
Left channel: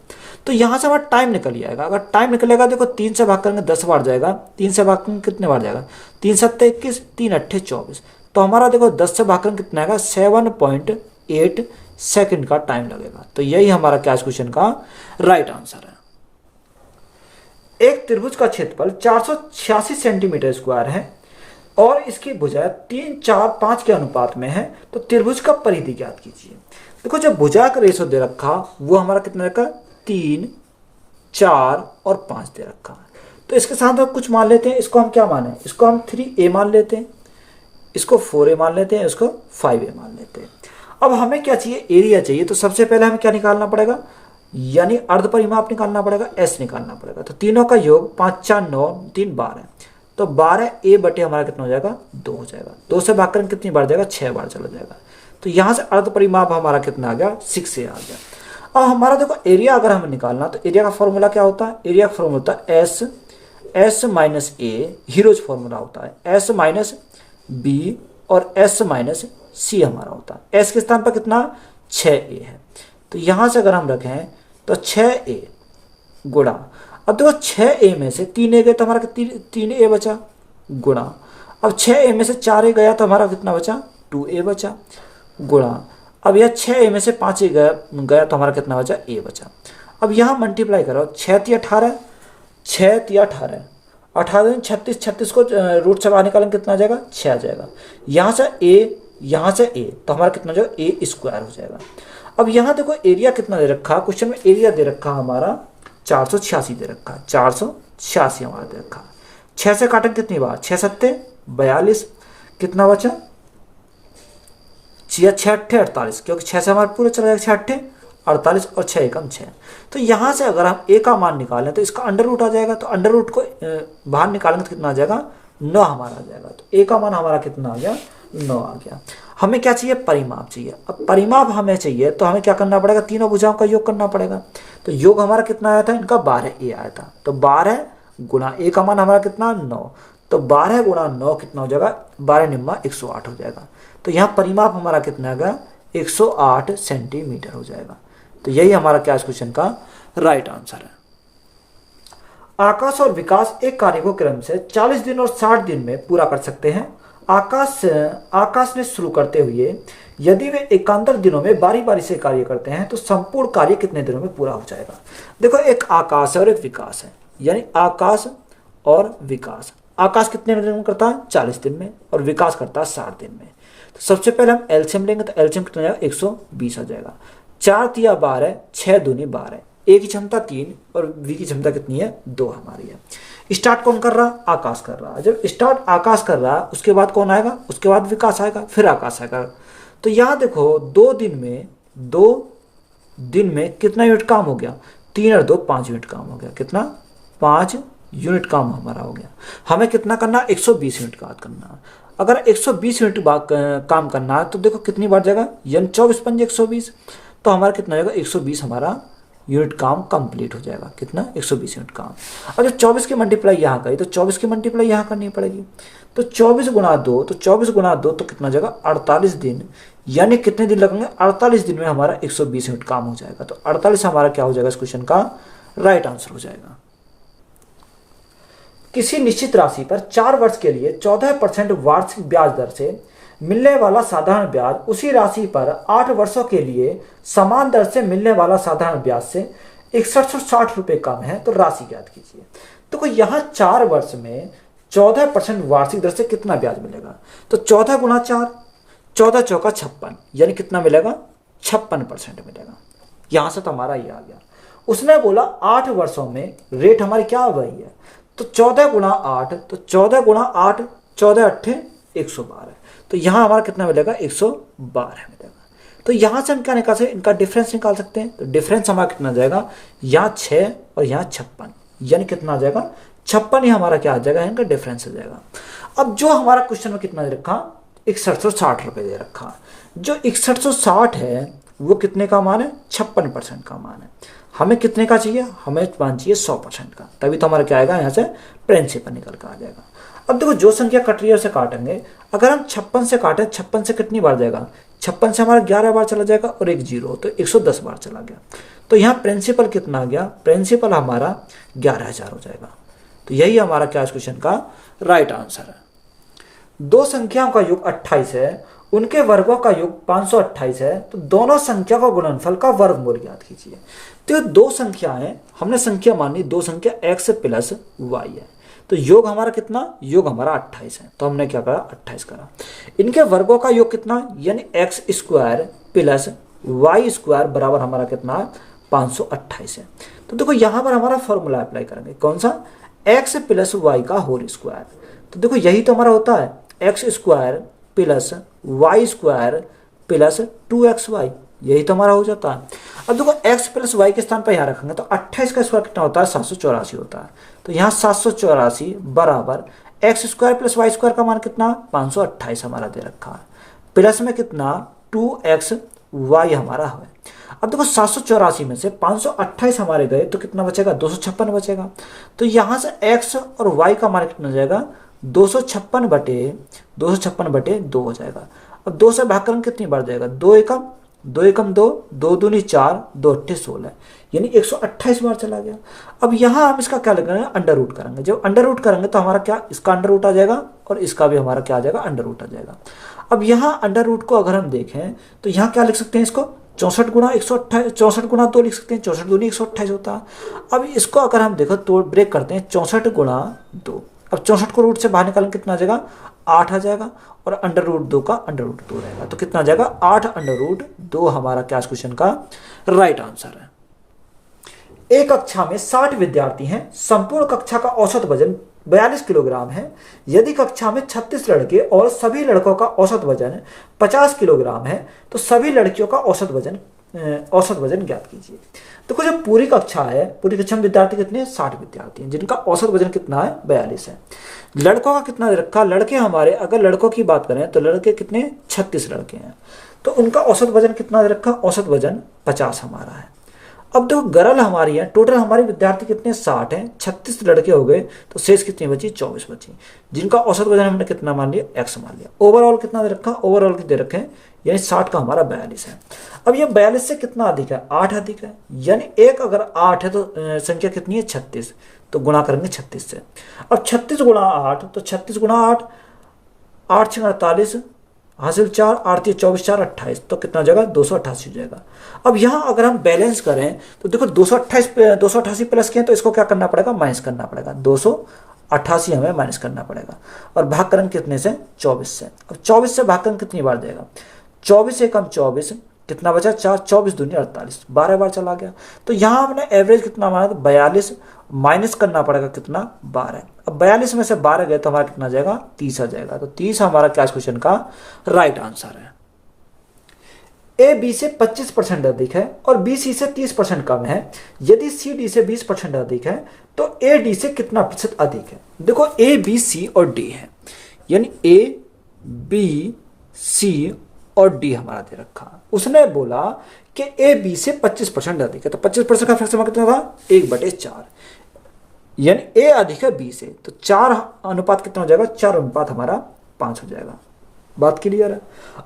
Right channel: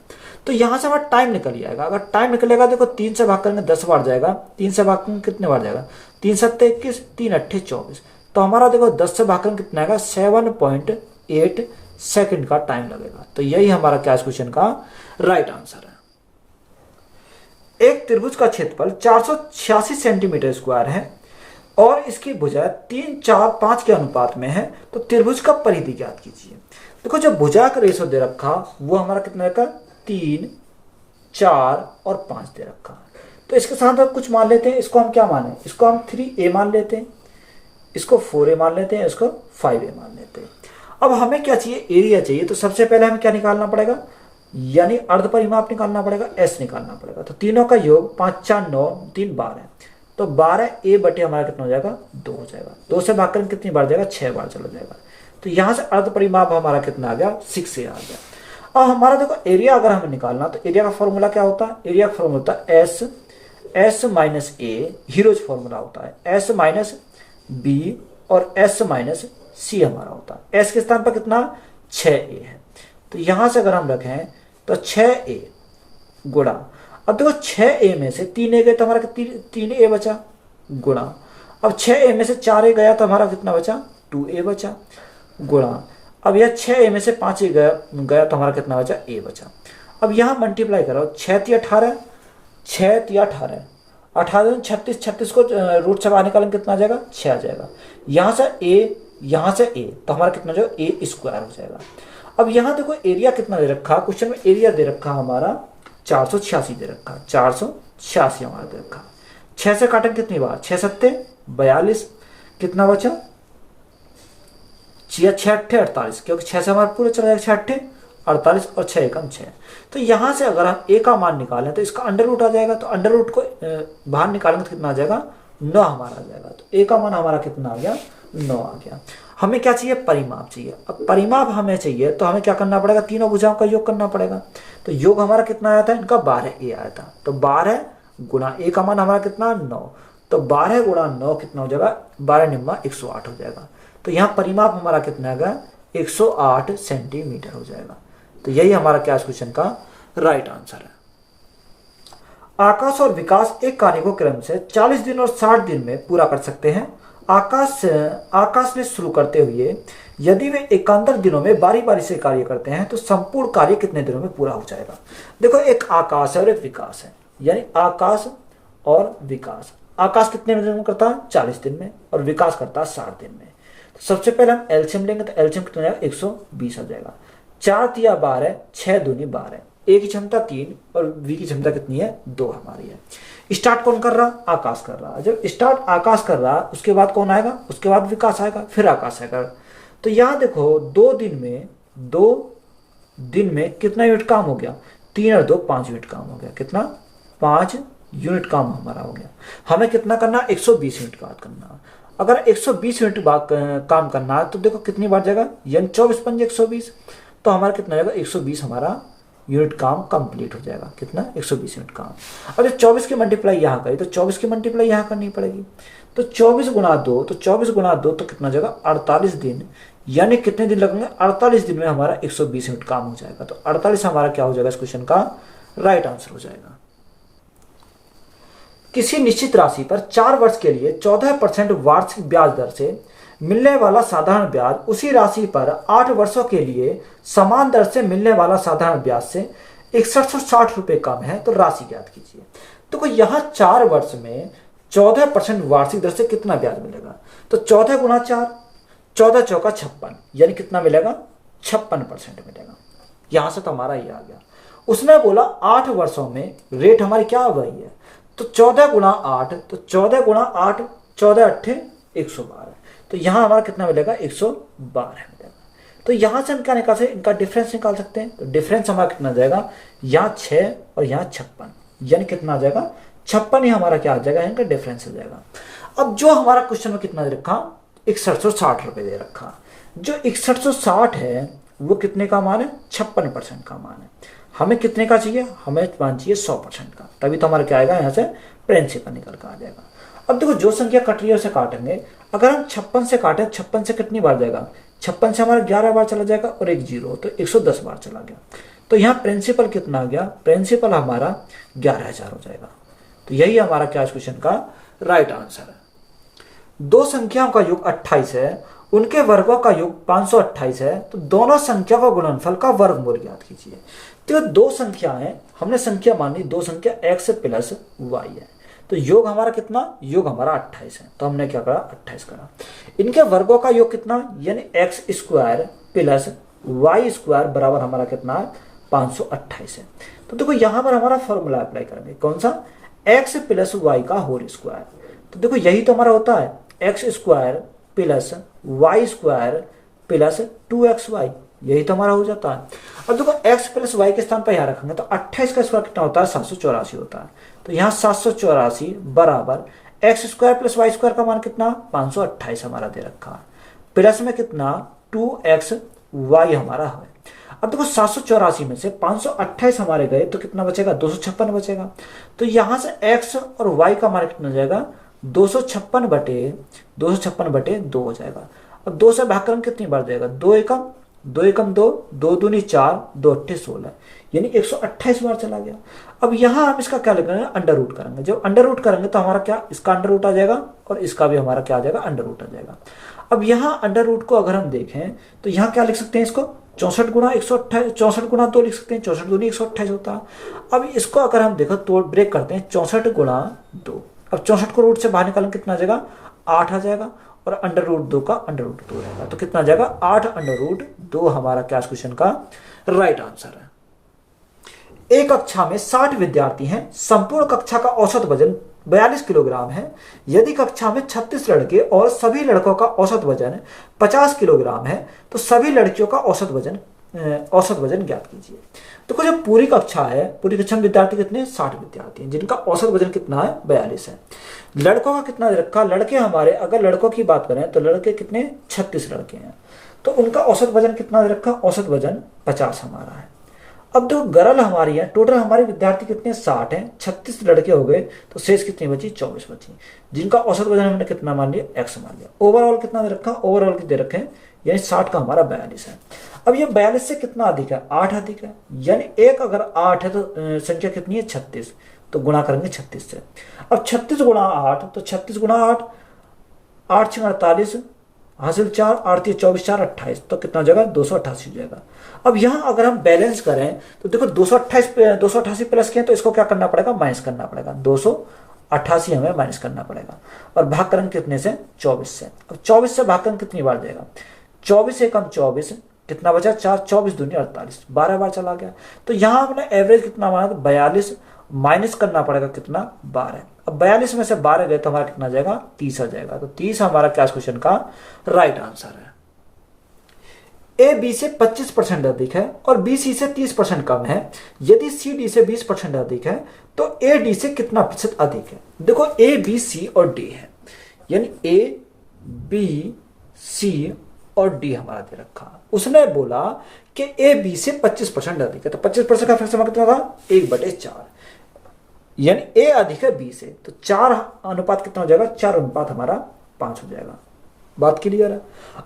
तो यहाँ से हमारा टाइम निकल जाएगा, अगर टाइम निकलेगा देखो 3 से भाग करेंगे 10 बार जाएगा, 3 से भाग करेंगे कितने बार जाएगा, 3 7 21, 3 8 24, तो हमारा देखो 10 से भाग करेंगे कितना आएगा, 7.8 सेकंड का टाइम लगेगा। तो यही हमारा क्या क्वेश्चन का राइट आंसर है। एक त्रिभुज का क्षेत्रफल 486 सेंटीमीटर स्क्वायर है और इसकी भुजा 3, 4, 5 के अनुपात में है, तो त्रिभुज का परिधि ज्ञात कीजिए। देखो जो भुजा का रेशो दे रखा वो हमारा कितना रखा, 3, 4 और 5 दे रखा। तो इसके साथ हम कुछ मान लेते हैं, इसको हम क्या माने, इसको हम 3a मान लेते हैं, इसको 4a मान लेते हैं, इसको 5a मान लेते हैं। अब हमें क्या चाहिए, एरिया चाहिए। तो सबसे पहले हमें क्या निकालना पड़ेगा, यानी अर्ध परिमाप निकालना पड़ेगा, एस निकालना पड़ेगा। तो तीनों का योग 5, 4, 9, 3, 12, तो 12a बटे हमारा कितना हो जाएगा, 2 हो जाएगा। 2 से भाग कर कितनी बार जाएगा, 6 बार चला जाएगा। तो यहाँ से अर्ध परिमाप हमारा कितना आ गया, 6a आ गया। अब हमारा देखो एरिया अगर हमें निकालना, तो एरिया का फॉर्मूला क्या होता है, एरिया का फॉर्मूला होता है एस माइनस ए, हीरोज फॉर्मूला होता है एस माइनस बी और एस माइनस सी हमारा होता है। एस के स्थान पर कितना, 6a है। तो यहां से अगर हम रखें तो 6a गुणा, अब देखो 6a में से 3a गए तो हमारा 3a बचा, गुणा, अब 6a में से 4a गया तो हमारा कितना बचा, 2a बचा, गुणा, अब यह 6a में से 5a गया तो हमारा कितना बचा, a बचा। अब यहाँ मल्टीप्लाई करो, 6 × 18, 6 × 18, 18 36, 36 को रूट से बाहर निकालेंगे कितना आ जाएगा, 6 आ जाएगा। यहाँ से a यहाँ से ए, तो हमारा कितना जो ए स्क्वायर हो जाएगा। अब यहाँ देखो एरिया कितना दे रखा, क्वेश्चन में एरिया दे रखा हमारा 486 दे रखा, 486 हमारा दे रखा। 6 से काटें कितनी बार, 6 सत्ते 42, कितना बचा 6 अट्ठे 48, क्योंकि 6 से हमारा पूरा चला जाएगा 6 अट्ठे 48 और 6 एकम 6। तो यहाँ से अगर हम ए का मान निकालें तो इसका अंडर रूट आ जाएगा, तो अंडर रूट को बाहर निकालेंगे तो कितना आ जाएगा 9 हमारा आ जाएगा। तो ए का मान हमारा कितना आ गया 9 आ गया। हमें क्या चाहिए, परिमाप चाहिए। अब परिमाप हमें चाहिए तो हमें क्या करना पड़ेगा, तीनों भुजाओं का योग करना पड़ेगा। तो योग हमारा कितना आया था, इनका 12 ए आया था, तो 12 गुणा ए का मान हमारा कितना 9, तो 12 गुणा 9 कितना हो जाएगा 12 निम्मा 108 हो जाएगा। तो यहाँ परिमाप हमारा कितना आ गया 108 सेंटीमीटर हो जाएगा। तो यही हमारा क्या क्वेश्चन का राइट आंसर है। आकाश और विकास एक कार्य को क्रम से 40 दिन और 60 दिन में पूरा कर सकते हैं। आकाश ने शुरू करते हुए यदि वे एकांतर दिनों में बारी बारी से कार्य करते हैं तो संपूर्ण कार्य कितने दिनों में पूरा हो जाएगा। देखो एक आकाश है और एक विकास है, यानी आकाश और विकास। आकाश कितने दिन में करता है 40 दिन में, और विकास करता है 60 दिन में। तो सबसे पहले हम एलसीएम लेंगे, तो एलसीएम कितना जाएगा 120 आ जाएगा। 4 तिया 12, 6 दूनी 12, ए की क्षमता 3 और वी की क्षमता कितनी है 2 हमारी है। स्टार्ट कौन कर रहा, आकाश कर रहा। जब स्टार्ट आकाश कर रहा उसके बाद कौन आएगा, उसके बाद विकास आएगा, फिर आकाश आएगा। तो यहाँ देखो 2 दिन में कितना यूनिट काम हो गया, 3 और 2 5 यूनिट काम हो गया। कितना 5 यूनिट काम हमारा हो गया। हमें कितना करना 120 यूनिट का करना। अगर 120 यूनिट काम करना है तो देखो कितनी बार जाएगा, यानी 24 पंजे 120, तो हमारा कितना आएगा 120 हमारा यूनिट काम कंप्लीट हो जाएगा। कितना 120 यूनिट काम। अब जब 24 की मल्टीप्लाई यहाँ करी तो 24 की मल्टीप्लाई यहाँ करनी पड़ेगी। तो 24 गुणा 2, तो 24 गुणा 2 तो कितना जाएगा 48 दिन, यानी कितने दिन लगेंगे 48 दिन में हमारा 120 यूनिट काम हो जाएगा। तो 48 हमारा क्या हो जाएगा इस क्वेश्चन का राइट आंसर हो जाएगा। किसी निश्चित राशि पर 4 वर्ष के लिए 14% वार्षिक ब्याज दर से मिलने वाला साधारण ब्याज उसी राशि पर 8 वर्षों के लिए समान दर से मिलने वाला साधारण ब्याज से 6160 रुपये कम है, तो राशि ज्ञात कीजिए। तो यहाँ 4 वर्ष में 14% वार्षिक दर से कितना ब्याज मिलेगा, तो 14 गुणा 4, 14 चौका 56, यानी कितना मिलेगा 56% मिलेगा। यहां से तो हमारा ये आ गया। उसने बोला 8 वर्षों में रेट हमारी क्या हो गई है, तो 14 गुणा 8, तो 14 गुणा 8 14 अट्ठे 112, तो यहां हमारा कितना मिलेगा 112 मिलेगा। तो यहां से हम क्या निकाल सकते हैं, इनका डिफरेंस निकाल सकते हैं। तो डिफरेंस हमारा कितना जाएगा, यहाँ 6 और यहाँ 56, यानी कितना आ जाएगा 56 ही हमारा क्या आ जाएगा, इनका डिफरेंस हो जाएगा। अब जो हमारा क्वेश्चन में कितना दे रखा 6160 रुपये दे रखा, जो 6160 है वो कितने का मान है 56% का मान है। हमें कितने का चाहिए, हमें मान चाहिए 100% का, तभी तो हमारा क्या आएगा यहाँ से प्रिंसिपल निकल कर आ जाएगा। अब देखो जो संख्या कट रही है उसे काटेंगे। अगर हम 56 से काटें, 56 से कितनी बार जाएगा, 56 से हमारा 11 बार चला जाएगा और एक 0, तो 110 बार चला गया। तो यहाँ प्रिंसिपल कितना आ गया, प्रिंसिपल हमारा 11,000 हो जाएगा। तो यही हमारा क्या क्वेश्चन का राइट आंसर है। दो संख्याओं का योग 28 है, उनके वर्गों का योग 528 है, तो दोनों संख्या का गुणनफल का वर्गमूल ज्ञात कीजिए। तो दो संख्याएं हमने संख्या मानी, दो संख्या x प्लस y है, तो योग हमारा कितना, योग हमारा 28 है, तो हमने क्या करा 28 करा। इनके वर्गों का योग कितना, यानी x square plus y square बराबर हमारा कितना 528 है। तो देखो यहां पर हमारा फॉर्मूला अप्लाई करेंगे, कौन सा, x प्लस वाई का होल स्क्वायर। तो देखो यही तो हमारा होता है x square plus y square plus 2xy, यही तो हमारा हो जाता है। अब देखो x प्लस वाई के स्थान पर यहाँ रखेंगे तो 28 का स्क्वायर कितना होता है 784 होता है। तो यहाँ 784 बराबर x square plus y square का मान कितना 528 हमारा दे रखा है, प्लस में कितना 2xy हमारा है। अब देखो 784 में से 528 हमारे गए तो कितना बचेगा 256 बचेगा। तो यहां से x और y का मान कितना हो जाएगा 256 बटे 2 हो जाएगा। अब 2 से भाग करके कितनी बार जाएगा, 2 एकम 2, 2 दूनी 4, 2 अट्ठे 16, यानी 128 बार चला गया। अब यहाँ हम इसका क्या लगाएंगे, अंडर रूट करेंगे। जब अंडर रूट करेंगे तो हमारा क्या, इसका अंडर रूट आ जाएगा और इसका भी हमारा क्या आ जाएगा, अंडर रूट आ जाएगा। अब यहाँ अंडर रूट को अगर हम देखें तो यहाँ क्या लिख सकते हैं, इसको 64 गुणा 128, 64 गुणा 2 लिख सकते हैं, 64 दूनी 128 होता है। अब इसको अगर हम देखो तो ब्रेक करते हैं 64 गुणा 2, अब 64 को रूट से बाहर निकालेंगे कितना आ जाएगा 8 आ जाएगा, और अंडर रूट 2 का अंडर रूट 2 रहेगा। तो कितना आ जाएगा 8 अंडर रूट 2 हमारा क्या क्वेश्चन का राइट आंसर है। एक कक्षा में 60 विद्यार्थी हैं, संपूर्ण कक्षा का औसत वजन 42 किलोग्राम है। यदि कक्षा में 36 लड़के और सभी लड़कों का औसत वजन 50 किलोग्राम है तो सभी लड़कियों का औसत वजन ज्ञात कीजिए। देखो जो पूरी कक्षा है, पूरी कक्षा में विद्यार्थी कितने 60 विद्यार्थी हैं जिनका औसत वजन कितना है 42 है। लड़कों का कितना दे रखा, लड़के हमारे अगर लड़कों की बात करें तो लड़के कितने 36 लड़के हैं, तो उनका औसत वजन कितना दे रखा, औसत वजन 50 हमारा है। अब देखो गरल हमारी है, टोटल हमारे विद्यार्थी कितने 60 हैं, 36 लड़के हो गए तो शेष कितनी बची 24 बची, जिनका औसत वजन हमने कितना मान लिया x मान लिया। ओवरऑल कितना दे रखा, ओवरऑल दे रखे हैं यानी 60 का हमारा 42 है। अब ये 42 से कितना अधिक है 8 अधिक है, यानी एक अगर 8 है तो संख्या कितनी है 36, तो गुणा करेंगे 36 से। अब 36 गुणा 8 तो 36 गुणा 8, 8 6 48 हासिल 4, 8 24 4 28, तो कितना हो जाएगा 288 हो जाएगा। अब यहाँ अगर हम बैलेंस करें तो देखो 288 प्लस किए तो इसको क्या करना पड़ेगा माइनस करना पड़ेगा, 288 हमें माइनस करना पड़ेगा और भाग करेंगे कितने से 24 से। अब 24 से भाग करेंगे कितनी बार जाएगा, 24 से कम 24 कितना बचा 4, 24 दूनी 48, 12 बार चला गया। तो यहाँ हमने एवरेज कितना माना था 42, माइनस करना पड़ेगा कितना 12। अब 42 में से 12 गए तो हमारा कितना जाएगा 30 आ जाएगा। तो 30 हमारा क्या क्वेश्चन का राइट आंसर है। ए बी से 25% अधिक है और बी सी से 30% कम है। यदि सी डी से 20% अधिक है तो ए डी से कितना प्रतिशत अधिक है। देखो ए बी सी और डी है, यानी ए बी सी और डी हमारा दे रखा। उसने बोला कि ए बी से 25% अधिक है, तो 25% का फ्रैक्शन कितना था 1/4, यानी ए अधिक है बी से, तो 4 अनुपात कितना हो जाएगा 4 अनुपात हमारा 5 हो जाएगा। बात क्लियर है।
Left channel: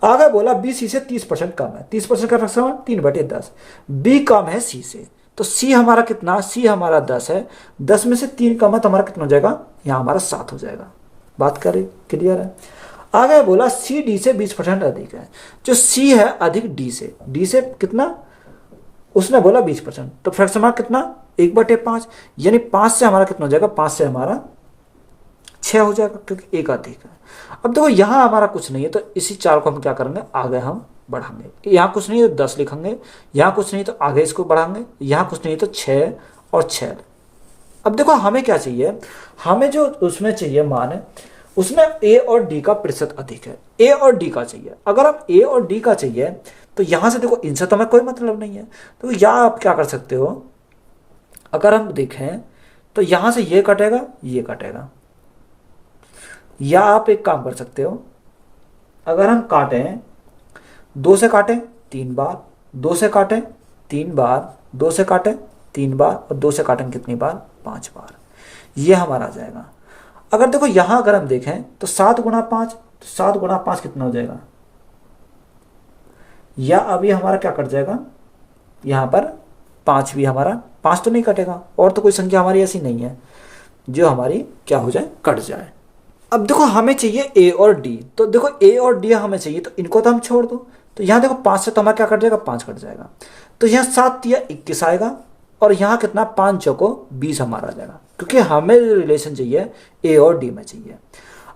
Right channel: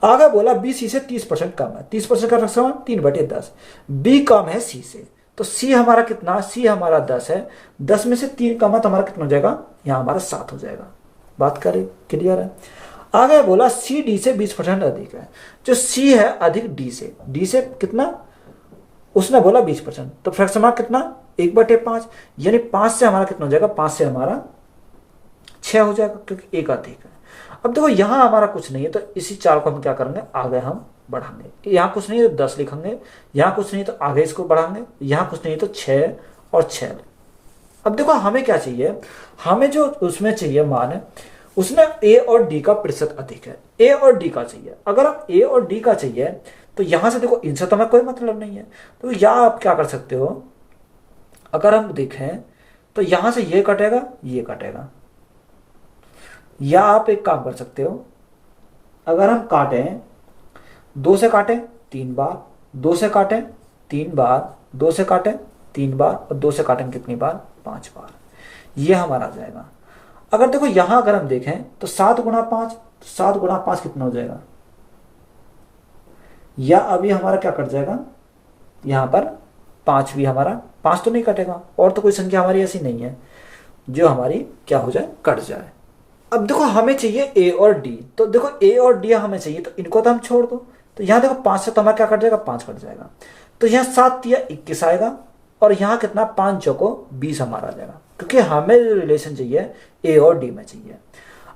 आगे बोला बी सी से 30% कम है, 30% का फ्रैक्शन 3/10, बी कम है सी से, तो सी हमारा कितना, सी हमारा 10 है, 10 में से 3 कम है तो हमारा कितना हो जाएगा यहां हमारा 7 हो जाएगा। बात करें क्लियर है। आगे बोला सी डी से 20% अधिक है, जो सी है अधिक डी से कितना, उसने बोला 20%, तो फ्रैक्शन कितना 1/5, यानी 5 से हमारा कितना हो जाएगा, 5 से हमारा 6 हो जाएगा क्योंकि एक अधिक है। अब देखो यहां हमारा कुछ नहीं है तो इसी 4 को हम क्या करेंगे आगे हम बढ़ाएंगे। यहां कुछ नहीं है तो 10 लिखेंगे, यहां कुछ नहीं तो आगे इसको बढ़ाएंगे, यहां कुछ नहीं तो 6 और 6। अब देखो हमें क्या चाहिए, हमें जो उसमें चाहिए मान, उसमें ए और डी का प्रतिशत अधिक है, ए और डी का चाहिए। अगर हम ए और डी का चाहिए तो यहां से देखो इनसे तो हमें कोई मतलब नहीं है, तो यहां आप क्या कर सकते हो, अगर हम देखें तो यहां से ये कटेगा ये कटेगा, या आप एक काम कर सकते हो, अगर हम काटें 2 से काटें 3 बार, 2 से काटें 3 बार, 2 से काटें 3 बार और 2 से काटें कितनी बार 5 बार, ये हमारा आ जाएगा। अगर देखो यहां अगर हम देखें तो 7 गुणा 5, तो 7 गुणा 5 कितना हो जाएगा, या अभी हमारा क्या कट जाएगा यहां पर 5 भी हमारा 5 तो नहीं कटेगा, और तो कोई संख्या हमारी ऐसी नहीं है जो हमारी क्या हो जाए कट जाए। अब देखो हमें चाहिए ए और डी, तो देखो ए और डी हमें चाहिए तो इनको तो हम छोड़ दो, तो यहां देखो 5 से तो हमारा क्या कट जाएगा 5 कट जाएगा, तो यहां 7 या 21 आएगा और यहां कितना 5 चौको 20 हमारा आ जाएगा, क्योंकि हमें जो रिलेशन चाहिए ए और डी में चाहिए।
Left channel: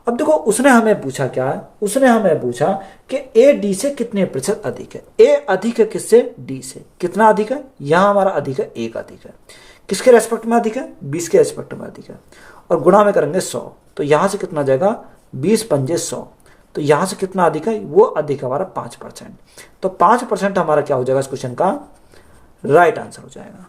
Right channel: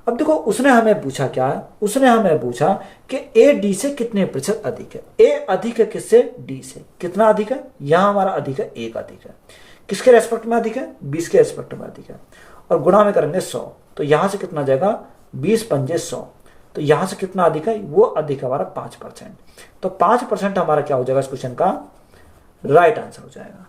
अब देखो उसने हमें पूछा क्या, उसने हमें पूछा कि ए डी से कितने प्रतिशत अधिक है। ए अधिक है किससे, डी से। कितना अधिक है, यहां हमारा अधिक है 1 अधिक है, किसके रेस्पेक्ट में अधिक है 20 के रेस्पेक्ट में अधिक है, और गुणा में करेंगे 100, तो यहां से कितना जाएगा 20 पंजे 100, तो यहां से कितना अधिक है, वो अधिक हमारा 5%, तो 5% हमारा क्या हो जाएगा इस क्वेश्चन का राइट आंसर हो जाएगा।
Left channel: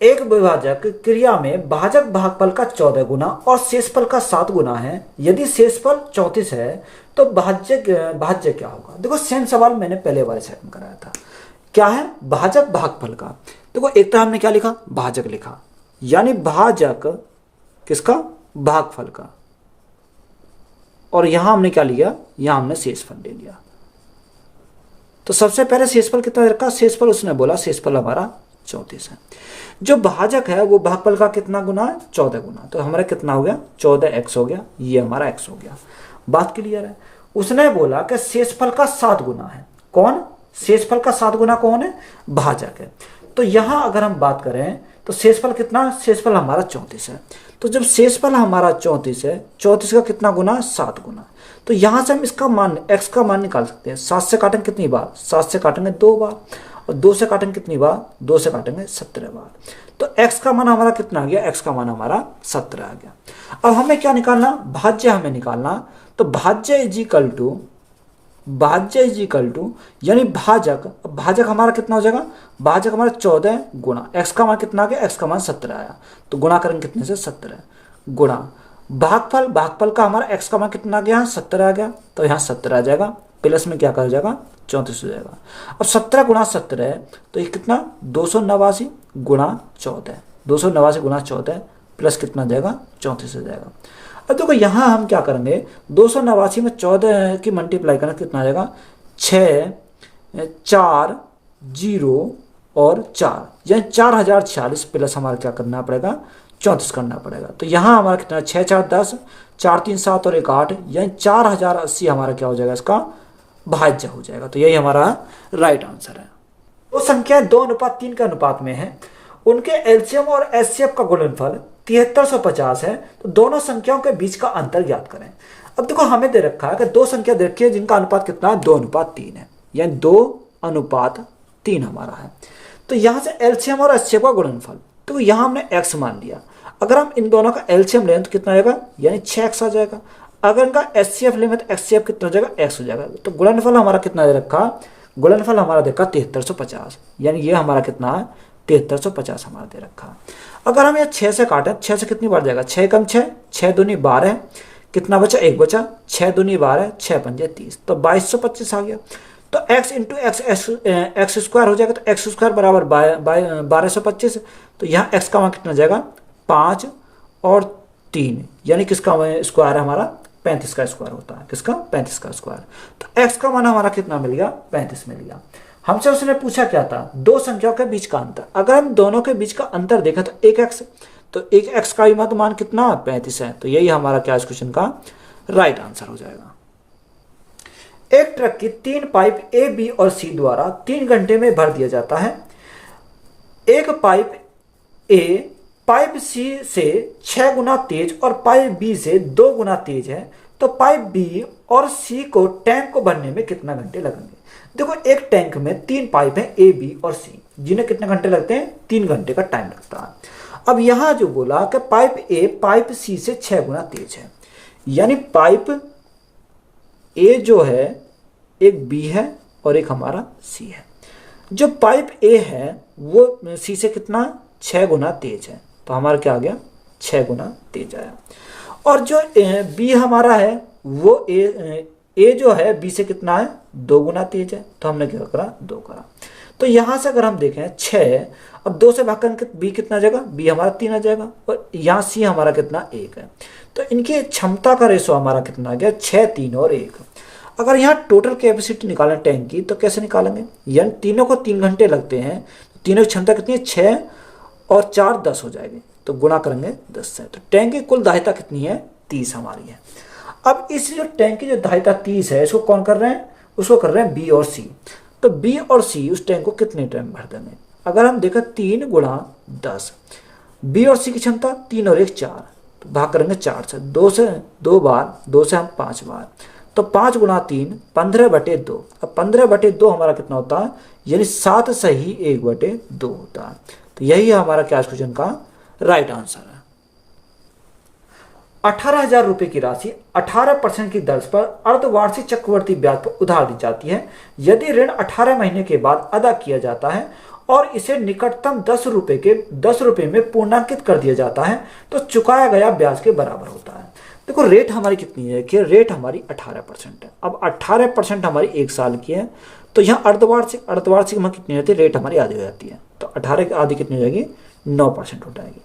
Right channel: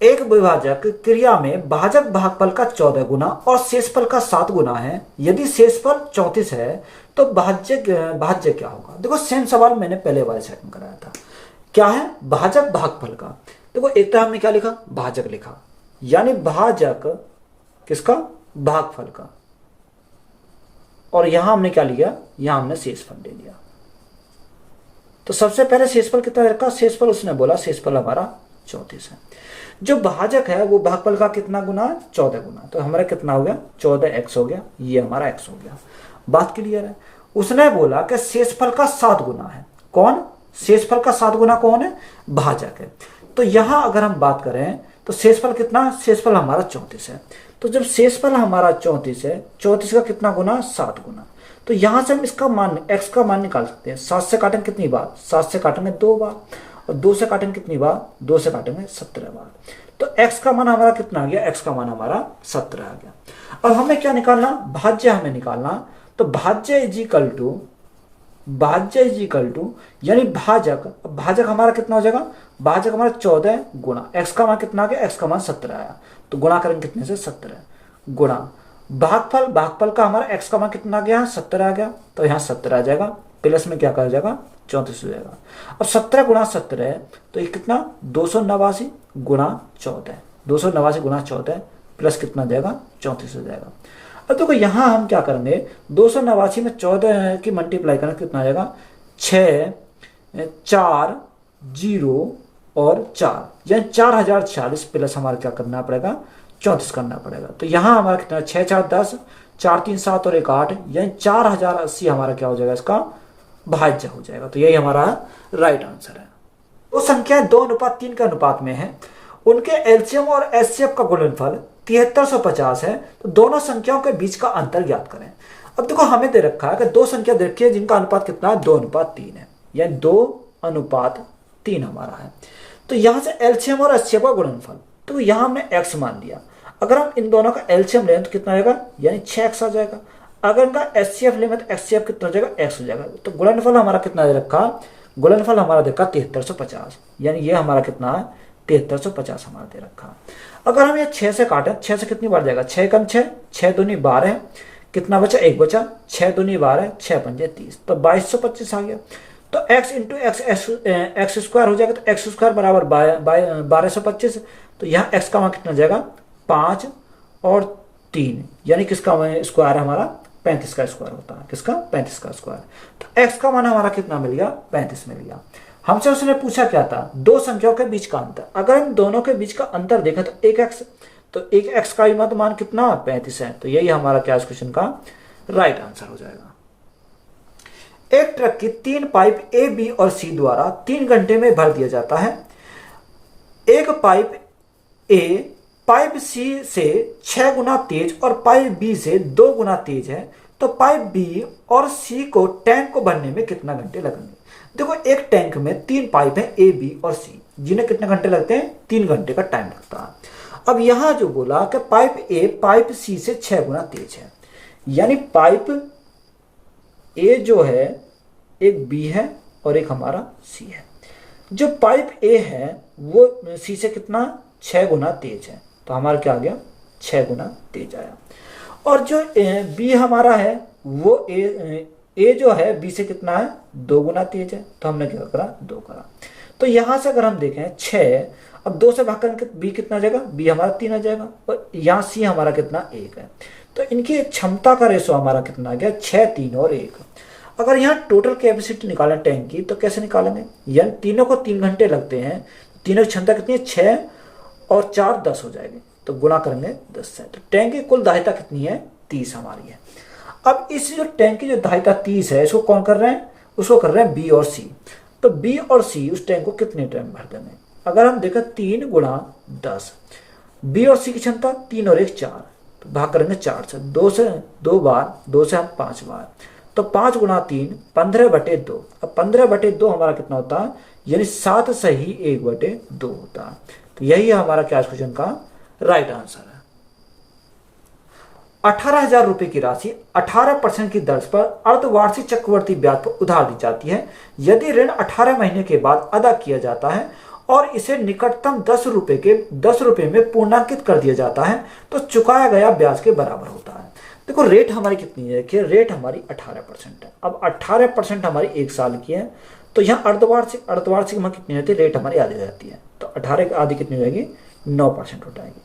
एक विभाजक क्रिया में भाजक भागफल का 14 गुना और शेषफल का 7 गुना है। यदि शेषफल 34 है तो भाज्य क्या होगा। देखो सेम सवाल मैंने पहले वाले सेट में कराया था। क्या है, भाजक भागफल का। देखो एक तरह हमने क्या लिखा, भाजक लिखा, यानी भाजक किसका, भागफल का, और यहां हमने क्या लिया, यहां हमने शेषफल ले लिया। तो सबसे पहले शेषफल कितना रखा, शेषफल उसने बोला शेषफल हमारा 34 है। जो भाजक है वो भागफल का कितना गुना है, 14 गुना, तो हमारा कितना हो गया 14x हो गया, ये हमारा x हो गया। बात क्लियर है। उसने बोला कि शेषफल का 7 गुना है, कौन, शेषफल का 7 गुना कौन है, भाजक है। तो यहां अगर हम बात करें तो शेषफल कितना, शेषफल हमारा 34 है। तो जब शेषफल हमारा 34 है, 34 का कितना गुना, 7 गुना। तो यहां से हम इसका मान, x का मान निकाल सकते हैं। 7 से काटेंगे कितनी बार, 7 से काटेंगे 2 बार, और 2 से काटेंगे कितनी बार, 2 से काटेंगे 17 बार। तो x का मान हमारा कितना आ गया, x का मान हमारा 17 आ गया। अब हमें क्या निकालना, भाज्य हमें निकालना। तो भाज्य इज इक्वल टू, भाज्य इज इक्वल टू यानी भाजक, भाजक हमारा कितना हो जाएगा, भाजक हमारा 14 गुणा x का मान कितना आ गया, x का मान 17 आया, तो गुणा करेंगे कितने से, 17 गुणा भागफल, भागफल का हमारा x का मान कितना आ गया, 17 आ गया, तो यहाँ 17 आ जाएगा, प्लस में क्या कर जाएगा, 34 हो जाएगा। और 17 गुणा 17 है तो ये कितना, 289 गुणा 14, 289 गुणा 14 प्लस कितना जाएगा, 34 हो जाएगा। अब देखो यहाँ हम क्या करेंगे, 289 में 14 की मल्टीप्लाई करना कितना आएगा, 6 4 0 और 4, यानी 4046 प्लस हमारा क्या करना पड़ेगा, 34 करना पड़ेगा। तो यहाँ हमारा कितना, 6 4 10, 4 3 7 और 1 8, यानी 4080 हमारा क्या हो जाएगा, इसका भाज्य हो जाएगा। तो यही हमारा राइट आंसर है। दो संख्याएं 2:3 के अनुपात में है, उनके एलसीएम और एचसीएफ का गुणनफल 7350 है, तो दोनों संख्याओं के बीच का अंतर ज्ञात करें। अब देखो हमें दे रखा है कि दो संख्या देखी है जिनका अनुपात कितना है, 2:3 है, यानी 2:3 हमारा है। तो यहां से एलसीएम और एचसीएफ का गुणनफल, तो यहां हमने x मान लिया। अगर हम इन दोनों का एलसीएम लें तो कितना आ जाएगा, यानी 6x आ जाएगा। अगर इनका एचसीएफ लें तो एचसीएफ कितना हो जाएगा, x हो जाएगा। तो गुणनफल हमारा कितना दे रखा, गुणनफल हमारा देखा 7350, यानी ये हमारा कितना है, 7350 हमारा दे रखा। अगर हम ये 6 से काटें, 6 से कितनी बार जाएगा, 6 कम 6, 6 दूनी 12, कितना बचा, 1 बचा, 6 दूनी 12, 6 पंजे 30, तो 2225 आ गया। तो x इंटू एक्स स्क्वायर हो जाएगा, तो एक्स स्क्वायर बराबर 1225। तो यहाँ x का मान कितना जाएगा, 5 और 3, यानी किसका स्क्वायर है हमारा, 35 का स्क्वायर होता है, किसका, 35 का स्क्वायर। तो x का मान हमारा कितना मिल गया, 35 मिल गया। हमसे उसने पूछा क्या था, दो संख्याओं के बीच का अंतर। अगर हम दोनों के बीच का अंतर देखें तो 1x, तो 1x का भी मान कितना, 35 है। तो यही हमारा क्या इस क्वेश्चन का राइट आंसर हो जाएगा। एक ट्रक की 3 पाइप ए, बी और सी द्वारा 3 घंटे में भर दिया जाता है। एक पाइप ए पाइप सी से 6 गुना तेज और पाइप बी से 2 गुना तेज है, तो पाइप बी और सी को टैंक को भरने में कितना घंटे लगेंगे। देखो एक टैंक में 3 पाइप है ए, बी और सी, जिन्हें कितने घंटे लगते हैं, 3 घंटे का टाइम लगता है। अब यहां जो बोला कि पाइप ए पाइप सी से 6 गुना तेज है, यानी पाइप ए जो है एक बी है और एक हमारा सी है। जो पाइप ए है वो सी से कितना, 6 गुना तेज है, तो हमारा क्या आ गया, 6 गुना तेज आया। और जो बी हमारा है वो ए जो है बी से कितना है, 2 गुना तेज है, तो हमने क्या करा, 2 करा। तो यहां से अगर हम देखें 6, अब 2 से भाग कर बी कितना आ जाएगा, बी हमारा 3 आ जाएगा, और यहाँ सी हमारा कितना, 1 है। तो इनकी क्षमता का रेशो हमारा कितना आ गया, 6 3 और 1। अगर यहाँ टोटल कैपेसिटी निकालें टैंक की, तो कैसे निकालेंगे, यानी तीनों को 3 घंटे लगते हैं, तीनों की क्षमता कितनी है, 6 और 4 10 हो जाएगी, तो गुणा करेंगे 10 से। तो टैंक की कुल दायित्व कितनी है, 30 हमारी है। अब इस जो टैंक की जो दायित्व 30 है, इसको कौन कर रहे हैं, उसको कर रहे हैं बी और सी। तो बी और सी उस टैंक को कितने टाइम भर देंगे। अगर हम देखें 3 गुणा 10, बी और सी की क्षमता 3 और 1 4, तो भाग करेंगे 4 से, 2 से 2 बार, 2 से हम 5 बार, तो 5 गुणा 3 15/2। अब 15/2 हमारा कितना होता है, यानी 7 से ही 1/2 होता है। तो यही है हमारा क्या क्वेश्चन का राइट आंसर है। 18,000 रुपए की राशि 18% की दर पर अर्धवार्षिक चक्रवर्ती ब्याज पर उधार दी जाती है। यदि ऋण 18 महीने के बाद अदा किया जाता है और इसे निकटतम 10 रुपए में पूर्णांकित कर दिया जाता है, तो चुकाया गया ब्याज के बराबर होता है। देखो रेट हमारी कितनी है, कि रेट हमारी 18% है। अब 18% हमारी 1 साल की है, तो यहाँ अर्धवार्षिक में कितनी रहती है, रेट हमारी आधी हो जाती है, तो 18 की आधी कितनी हो जाएगी, 9% हो जाएगी।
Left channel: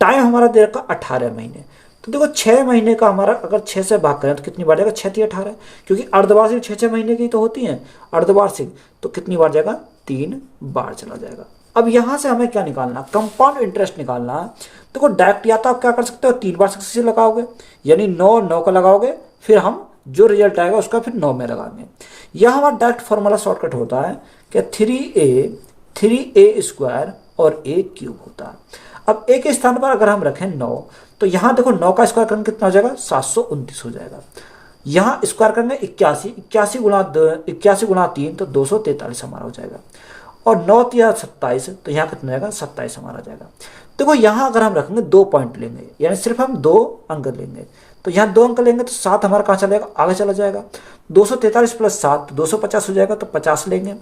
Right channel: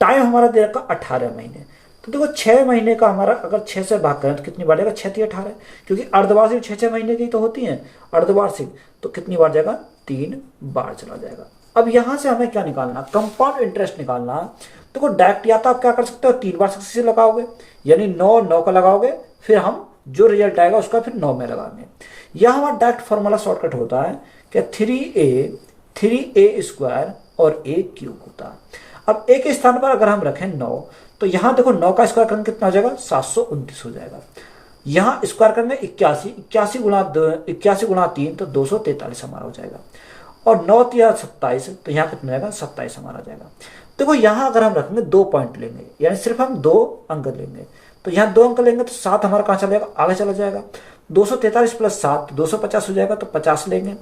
टाइम हमारा दे रखा 18 महीने, तो देखो 6 महीने का हमारा अगर 6 से भाग करें तो कितनी बार जाएगा, 6 3 18, क्योंकि अर्धवार्षिक 6 महीने की तो होती है अर्धवार्षिक, तो कितनी बार जाएगा, 3 बार चला जाएगा। अब यहां से हमें क्या निकालना, कंपाउंड इंटरेस्ट निकालना। देखो डायरेक्ट या तो आप क्या कर सकते हो, 3 बार सक्सेस लगाओगे, यानी 9 का लगाओगे, फिर हम जो रिजल्ट आएगा उसका फिर 9 में लगाएंगे। यह हमारा डायरेक्ट फॉर्मूला शॉर्टकट होता है कि 3a² और a क्यूब होता। अब a के स्थान पर अगर हम रखें 9, तो यहाँ देखो 9 का स्क्वायर करेंगे कितना हो जाएगा, 729 हो जाएगा। यहाँ स्क्वायर करेंगे 81, 81 गुणा 3 तो 243 हमारा हो जाएगा। और 9 या 27, तो यहाँ कितना जाएगा, 27 हमारा जाएगा। देखो यहाँ अगर हम रखेंगे 2 पॉइंट लेंगे, यानी सिर्फ हम 2 अंक लेंगे, तो यहाँ 2 अंक लेंगे तो 7 हमारा कहाँ चला जाएगा, आगे चला जाएगा। 243 प्लस 7 250 हो जाएगा, तो 50 लेंगे।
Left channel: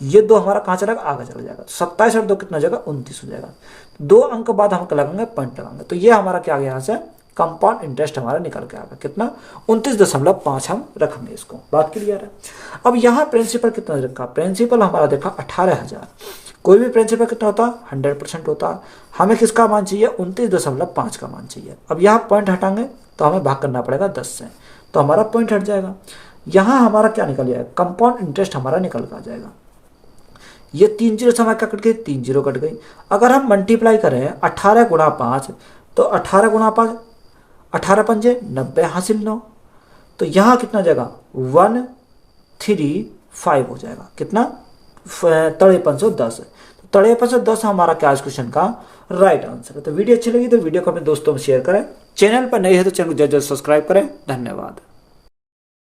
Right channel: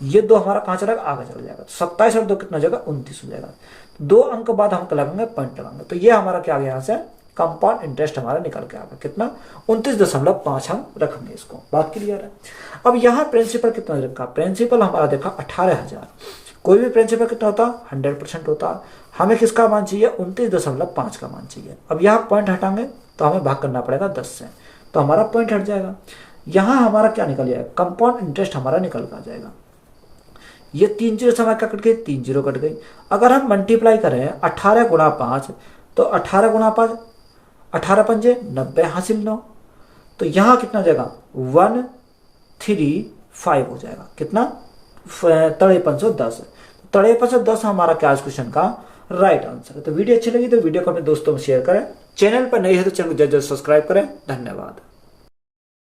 ये 2 हमारा कहाँ चला जाएगा, आगे चला जाएगा। 27 और 2 कितना हो जाएगा, 29 हो जाएगा। 2 अंक बाद हम लगाएंगे पॉइंट लगाएंगे, तो ये हमारा क्या आ गया, यहाँ से कंपाउंड इंटरेस्ट हमारा निकल के आ गया कितना, 29.5 हम रखेंगे इसको। बात क्लियर है। अब यहाँ प्रिंसिपल कितना रखा, प्रिंसिपल हमारा देखा 18,000। कोई भी प्रिंसिपल कितना होता है, 100% होता है। हमें किसका मान चाहिए, 29.5 का मान चाहिए। अब यहाँ पॉइंट हटाएंगे तो हमें भाग करना पड़ेगा 10 से, तो हमारा पॉइंट हट जाएगा। यहाँ हमारा क्या निकल जाएगा, कंपाउंड इंटरेस्ट हमारा निकल कर जाएगा। ये 3 जीरो से हमारा क्या कट गई, 3 जीरो कट गई। अगर हम मल्टीप्लाई करें 18 गुणा 5, तो 18 गुणा 5 18 पंजे 90 हासिल 9, तो यहाँ कितना जाएगा, 135 हो जाएगा। कितना, 5310। 5310 हमारा क्या इस क्वेश्चन का राइट आंसर है। तो वीडियो अच्छी लगी तो वीडियो को अपने दोस्तों में शेयर करें। चैनल पर नए है तो चैनल को जल्द सब्सक्राइब करें। धन्यवाद।